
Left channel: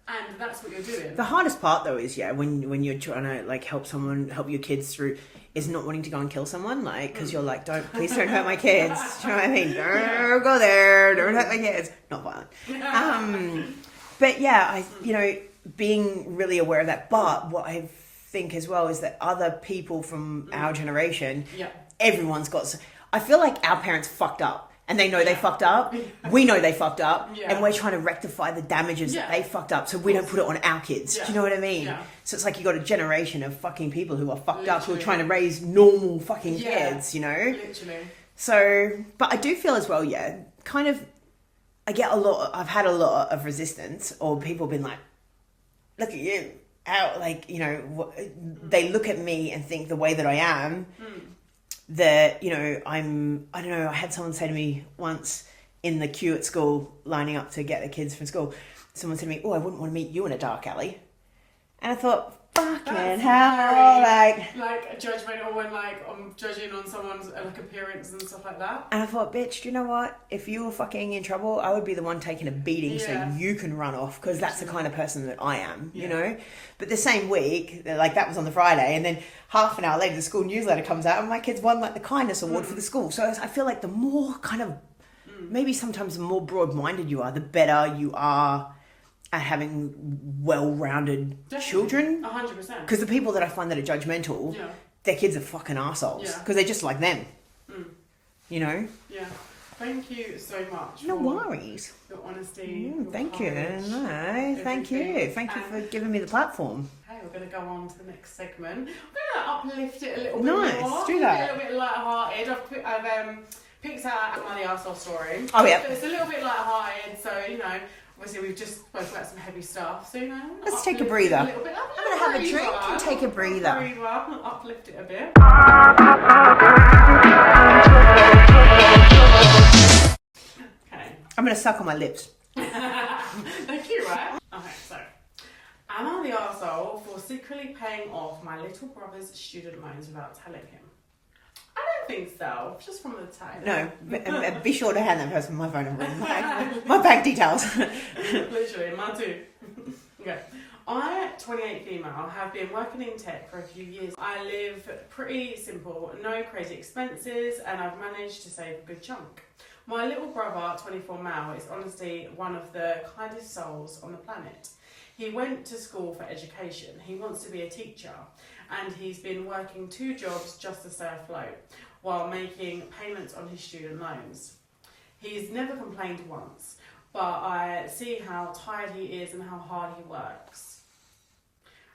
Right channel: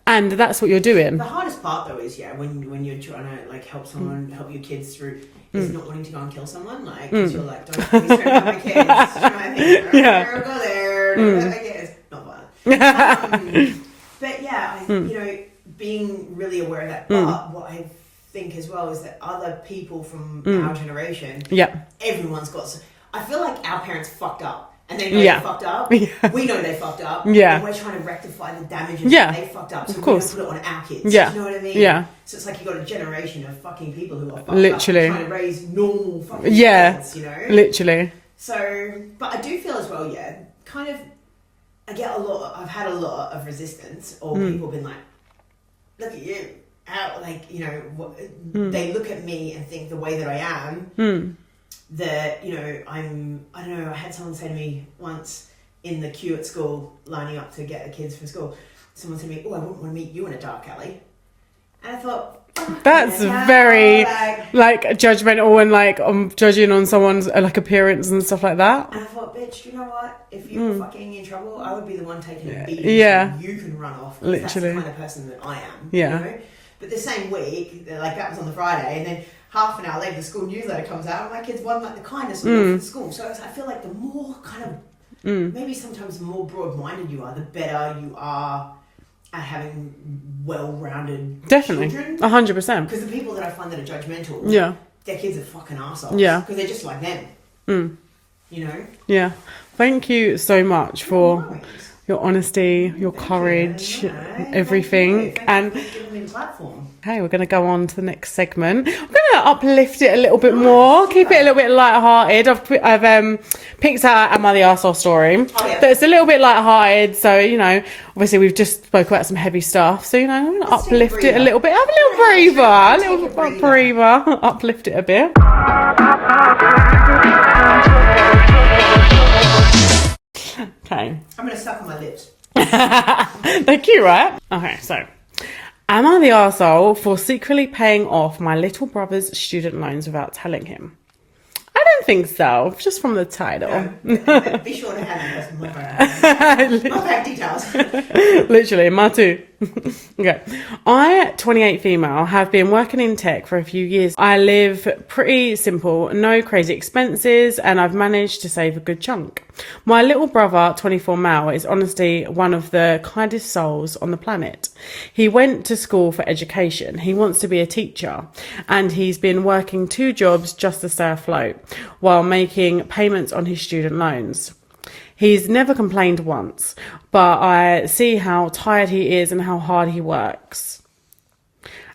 And that's what you're doing. The hardest part though is when you're trying to like help someone, help your kids through, is not wanting to go and kill someone, like, because you're like, please don't hurt my kids. You know what I mean? Don't go there. Don't hurt my kids. Not violent. But yeah, you know, being really aware of that. But what I think as well is that other people from our generation, everyone's got. I feel like our parents fucked up. And they know they fucked up. We know they fucked up. And we're trying to rectify the damages that they fucked up. So we're going to put it on our kids. Do you know what I mean? So it's like you got a generation of fucking people who are fucked up and trying to raise normal fucking kids, you know? Literally. So, but I do feel as well, kind of, I've had a lot of resistance or people been like, look at you. How, like, you know, they look at me and think the way that I am. That, you know, I don't know, I had someone say to me once in the queue at school, lining up to get the kids from school, someone said to me, oh, I wouldn't want to meet you in a dark alley. And I thought, that's very like judgmental and like judging on someone's like appearance and stuff like that. And I thought, bitch, do you know what? If you were fucking in trouble, I would be the one taking a beating so you can run off, because that's the kind of person that I am, you know? But the same week, like that was on the Friday, and then half an hour later the school newsletter comes out and my kids won like the kindness award for the school. So I feel like the more kind of maybe sometimes the more broad-minded you are, the better you are at having well-rounded children. 100%. Because the people that I find that are judgmental, their kids are fucking assholes. Because they're just like them. You know? Thank you so much for your honesty, your Thank courage, you. No, everything. Thank you for giving me the platform. Okay, we're going to go on to the next segment. I'm going to uplift it a little bit more, keep it a little bit light-hearted. I've picked out Am I the Arsehole story. Oh, yeah. But it's a little bit light-hearted, so, you know, obviously we've just spoke about some heavy stuff. So, you know, I'm going to uplift it a little bit. Have a little breather. A little breather. Uplift it a bit. Okay. I'm going to suck on my lips. They're cute, right? Okay, so am I the arsehole for secretly paying off my little brother's student loans without telling him? I don't think so, just from the title. No, be sure to hand that person my phone. My bank details. Literally, my too. Okay. I, 28 female, have been working in tech for a few years. I live pretty simple, no crazy expenses, and I've managed to save a good chunk. My little brother, 24 male, is honestly one of the kindest souls on the planet. He went to school for education. He wants to be a teacher, and he's been working 2 jobs just to stay afloat while making payments on his student loans. He's never complained once, but I see how tired he is and how hard he works.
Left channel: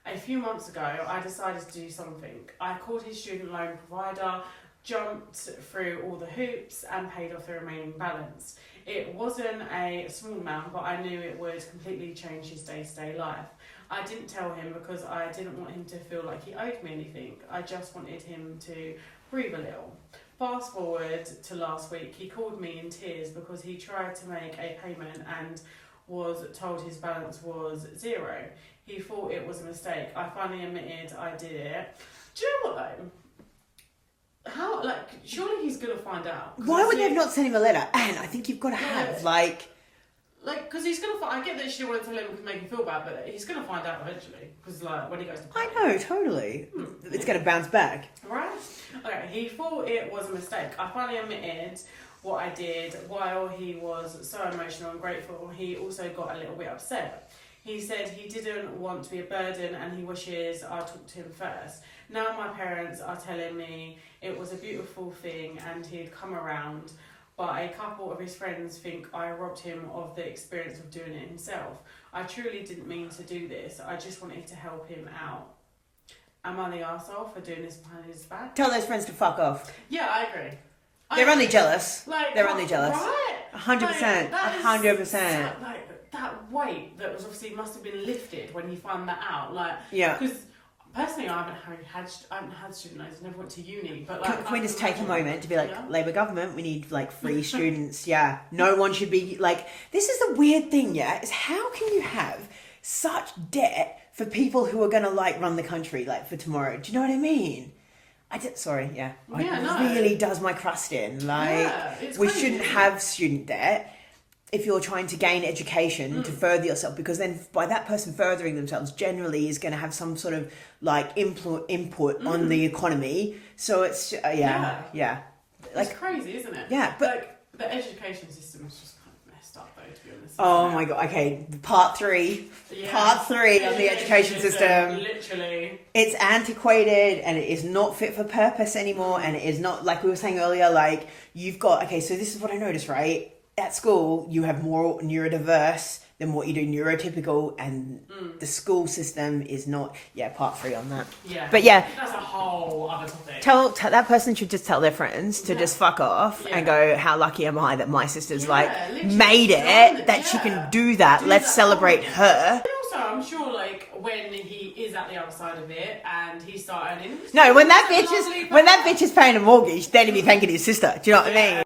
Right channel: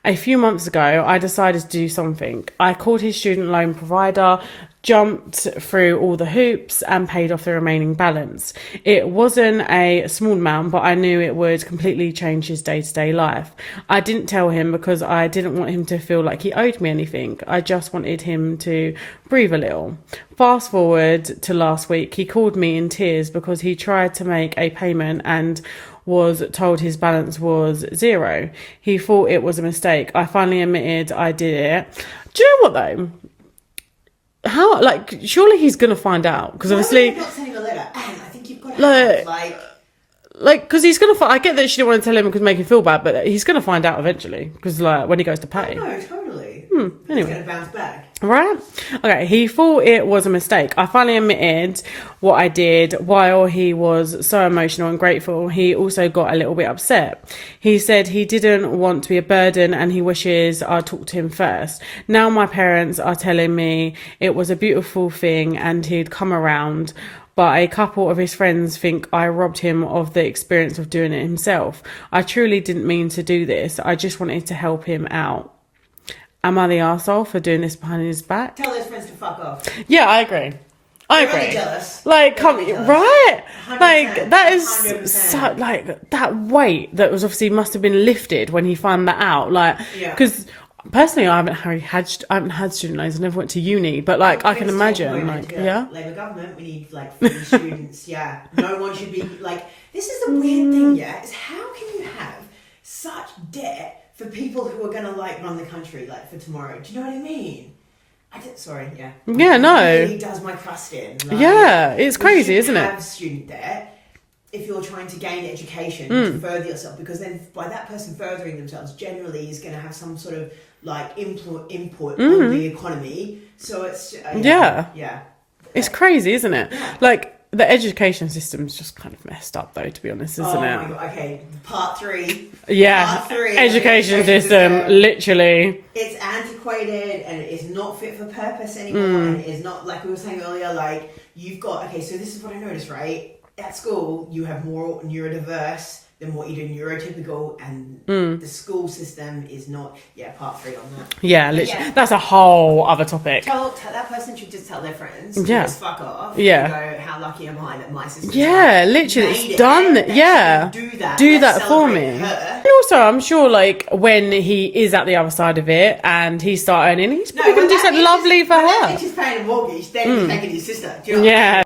A few months ago, I decided to do something. I called his student loan provider, jumped through all the hoops and paid off the remaining balance. It wasn't a small amount, but I knew it would completely change his day-to-day life. I didn't tell him because I didn't want him to feel like he owed me anything. I just wanted him to breathe a little. Fast forward to last week, he called me in tears because he tried to make a payment and was told his balance was 0. He thought it was a mistake. I finally admitted I did it. Do you know what though? How, like, surely he's gonna find out because obviously not sending a letter, and I think you've got to have like, because he's gonna. I get that she didn't want to tell him because make him feel bad, but he's gonna find out eventually because, like, when he goes to pay. No, totally. Anyway. It's gonna bounce back, right? Okay. He thought it was a mistake. I finally admitted what I did. While he was so emotional and grateful, he also got a little bit upset. He said he didn't want to be a burden and he wishes I'd talk to him first. Now my parents are telling me it was a beautiful thing and he'd come around. But a couple of his friends think I robbed him of the experience of doing it himself. I truly didn't mean to do this. I just wanted to help him out. Am I the arsehole for doing this behind his back? tell those friends to fuck off. Yeah, I agree. They're only jealous. Like, They're only jealous. right? 100%, Like, that is 100%. so, like, that weight that was obviously must have been lifted when he found that out. Like, Yeah. because personally, I haven't had student loans. I never went to uni, but like, I can imagine. Like, yeah. Labour government, we need like free students. Yeah, no one should be like. This is the weird thing. Yeah, is how can you have such debt for people who are going to like run the country like for tomorrow? Do you know what I mean? Sorry, yeah. Yeah, no. It really does my crust in. Like, yeah, it's crazy, isn't it? Have student debt if you're trying to gain education to further yourself, because then by that person furthering themselves generally is going to have some sort of like input on the economy. So it's yeah. It's crazy, isn't it? Yeah. Like, the education system's just kind of messed up, though, to be honest, isn't it? Oh my god. Okay, part 3. Yeah. Part 3. Education system, literally. It's antiquated and it is not fit for purpose anymore. And it is not, like we were saying earlier, like you've got, okay, so this is what I noticed, right? At school, you have more neurodiverse than what you do neurotypical, and the school system is not. Yeah, part 3 on that. Yeah, but yeah, that's a whole other topic. Tell that person should just tell their friends to just fuck off. Yeah, and go, how lucky am I that my sister's literally made it done. That she can do that. Let's celebrate her. And also, I'm sure, like when he is at the other when he start earning, he's when that bitch lovely is, for when her. that bitch is paying a mortgage, then he's taking his sister. Do you know what I mean?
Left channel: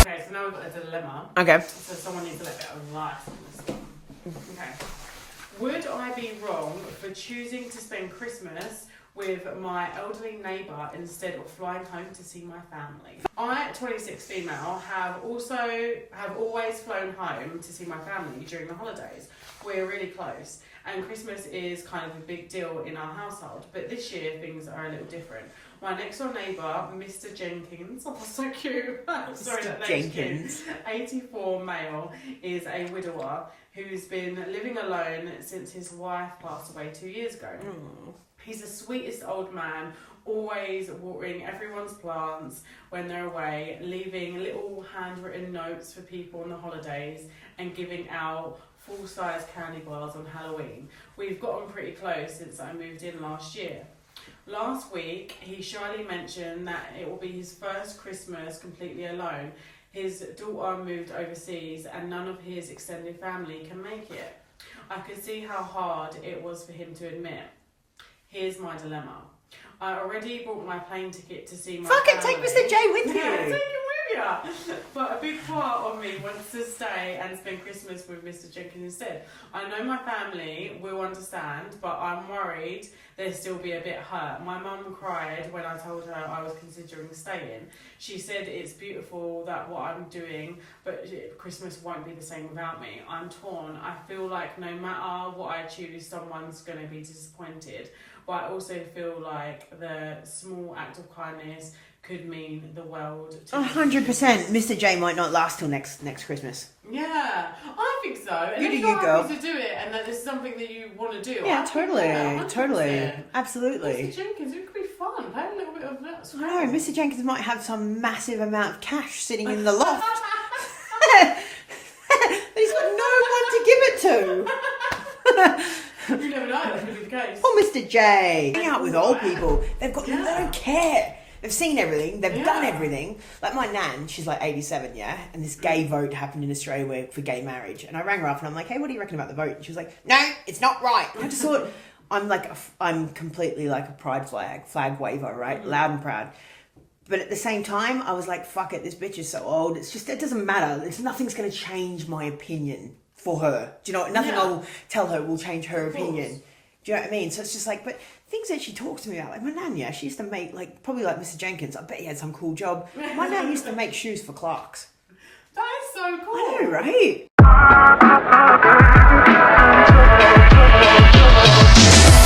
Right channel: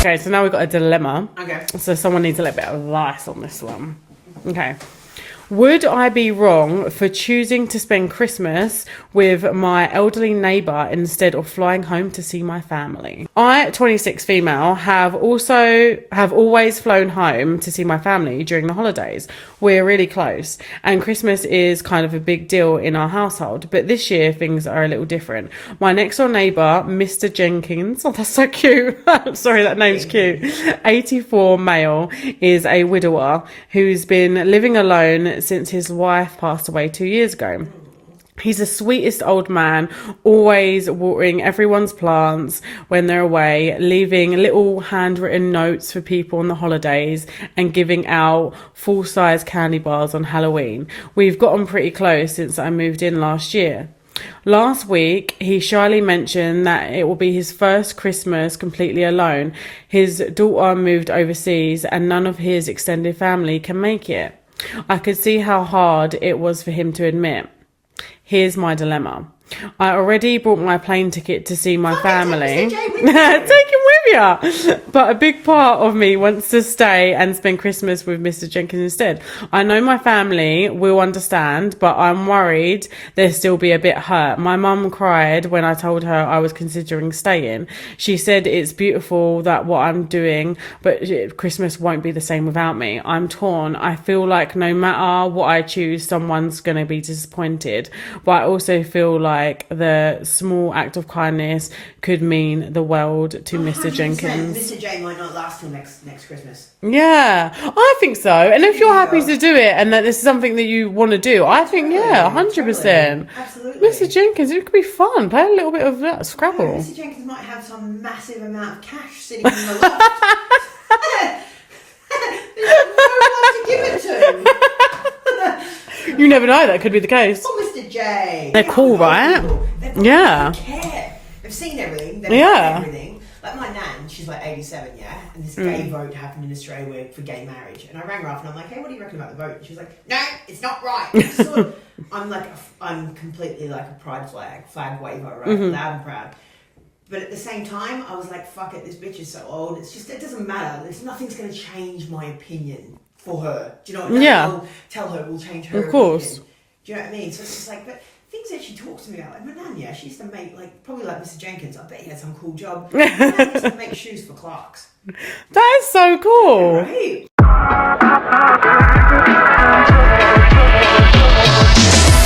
Okay, so now we've got a dilemma. Okay. So someone needs a little bit of advice on this one. Okay. Would I be wrong for choosing to spend Christmas with my elderly neighbour instead of flying home to see my family? I, 26 female, have always flown home to see my family during the holidays. We're really close and Christmas is kind of a big deal in our household, but this year things are a little different. My next door neighbour, Mr. Jenkins, oh that's so cute, sorry that name's cute, 84 male, is a widower who's been living alone since his wife passed away 2 years ago. He's the sweetest old man, always watering everyone's plants when they're away, leaving little handwritten notes for people on the holidays, and giving out full-size candy bars on Halloween. We've gotten pretty close since I moved in last year. Last week, he shyly mentioned that it will be his first Christmas completely alone. His daughter moved overseas and none of his extended family can make it. I could see how hard it was for him to admit. Here's my dilemma. I already bought my plane ticket to see my family. Take Mr. J with you. Take him with you. But a big part of me wants to stay and spend Christmas with Mr. Jenkins instead. I know my family will understand, but I'm worried they'll still be a bit hurt. My mum cried when I told her I was considering staying. She said it's beautiful that what I'm doing, but Christmas won't be the same without me. I'm torn. I feel like no matter what I choose, someone's going to be disappointed. But I also feel like the small act of kindness could mean the world to Mr. Jenkins. Mr. J might not last till next Christmas. Yeah, I think so. And if you're happy to do it and that this is something that you want to do, I think, totally, 100%. Totally. Absolutely. Mr. Jenkins, it could be fun. Play a little bit of Scrabble. No, Mr. Jenkins might have some massive amount of cash sitting in the loft. There's no one to give it to. You never know, that could be the case. Oh, Mr. J. They're cool, right? They've got Yeah. They care. They've seen everything. They've done everything. Like my nan, she's like 87, yeah? And this gay vote happened in Australia for gay marriage. And I rang her up and I'm like, hey, what do you reckon about the vote? And she was like, no, it's not right. I just thought, I'm completely like a pride flag waver, right? Loud and proud. But at the same time, I was like, fuck it, this bitch is so old. It's just, it doesn't matter. Nothing's going to change my opinion for her. Do you know? Nothing I'll tell her will change her opinion. Do you know what I mean? So it's just like, but things that she talks to me about, like my nan, yeah, she used to make, like, probably like Mr. Jenkins, I bet he had some cool job. My nan used to make shoes for Clarks. That is so cool. Right?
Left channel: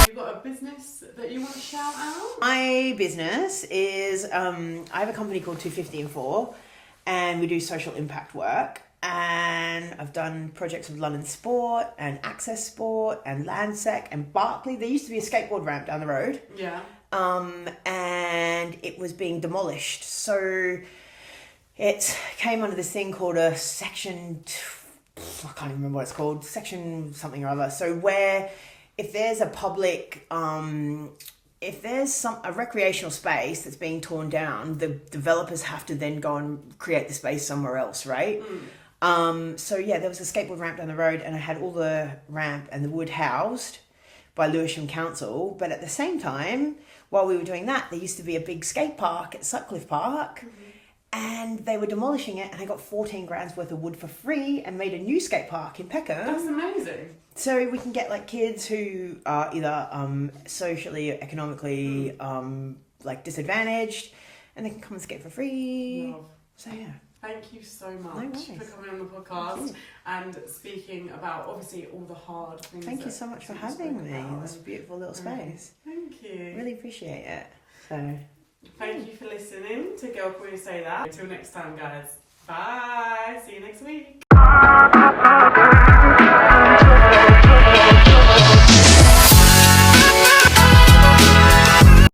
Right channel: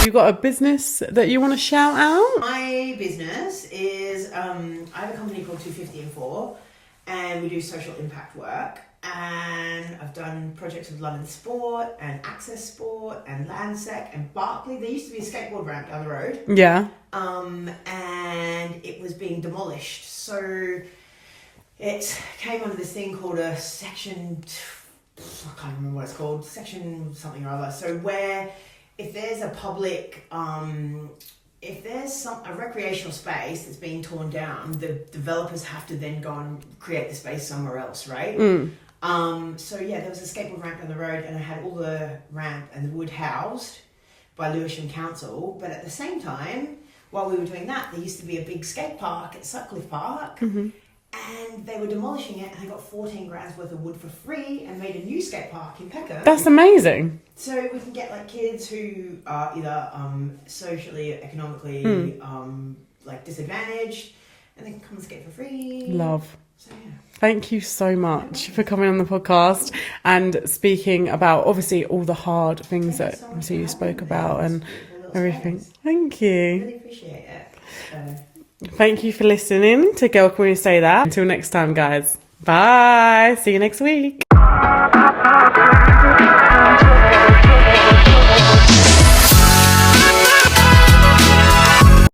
You got a business that you want to shout out? My business is, I have a company called 250 and we do social impact work. And I've done projects with London Sport and Access Sport and Landsec and Barclay. There used to be a skateboard ramp down the road. Yeah. And it was being demolished. So it came under this thing called a section, I can't remember what it's called, section something or other. So where if there's a public, if there's a recreational space that's being torn down, the developers have to then go and create the space somewhere else, right? So yeah, there was a skateboard ramp down the road and I had all the ramp and the wood housed by Lewisham Council. But at the same time, while we were doing that, there used to be a big skate park at Sutcliffe Park and they were demolishing it and they got 14 grand's worth of wood for free and made a new skate park in Peckham. That's amazing. So we can get like kids who are either socially, economically like disadvantaged and they can come and skate for free. Love. So yeah. Thank you so much for coming on the podcast and speaking about obviously all the hard things that you spoke about and everything. Thank you. I really appreciate it. Thank you for listening to Girl Can We Say That. Until next time, guys. Bye. See you next week.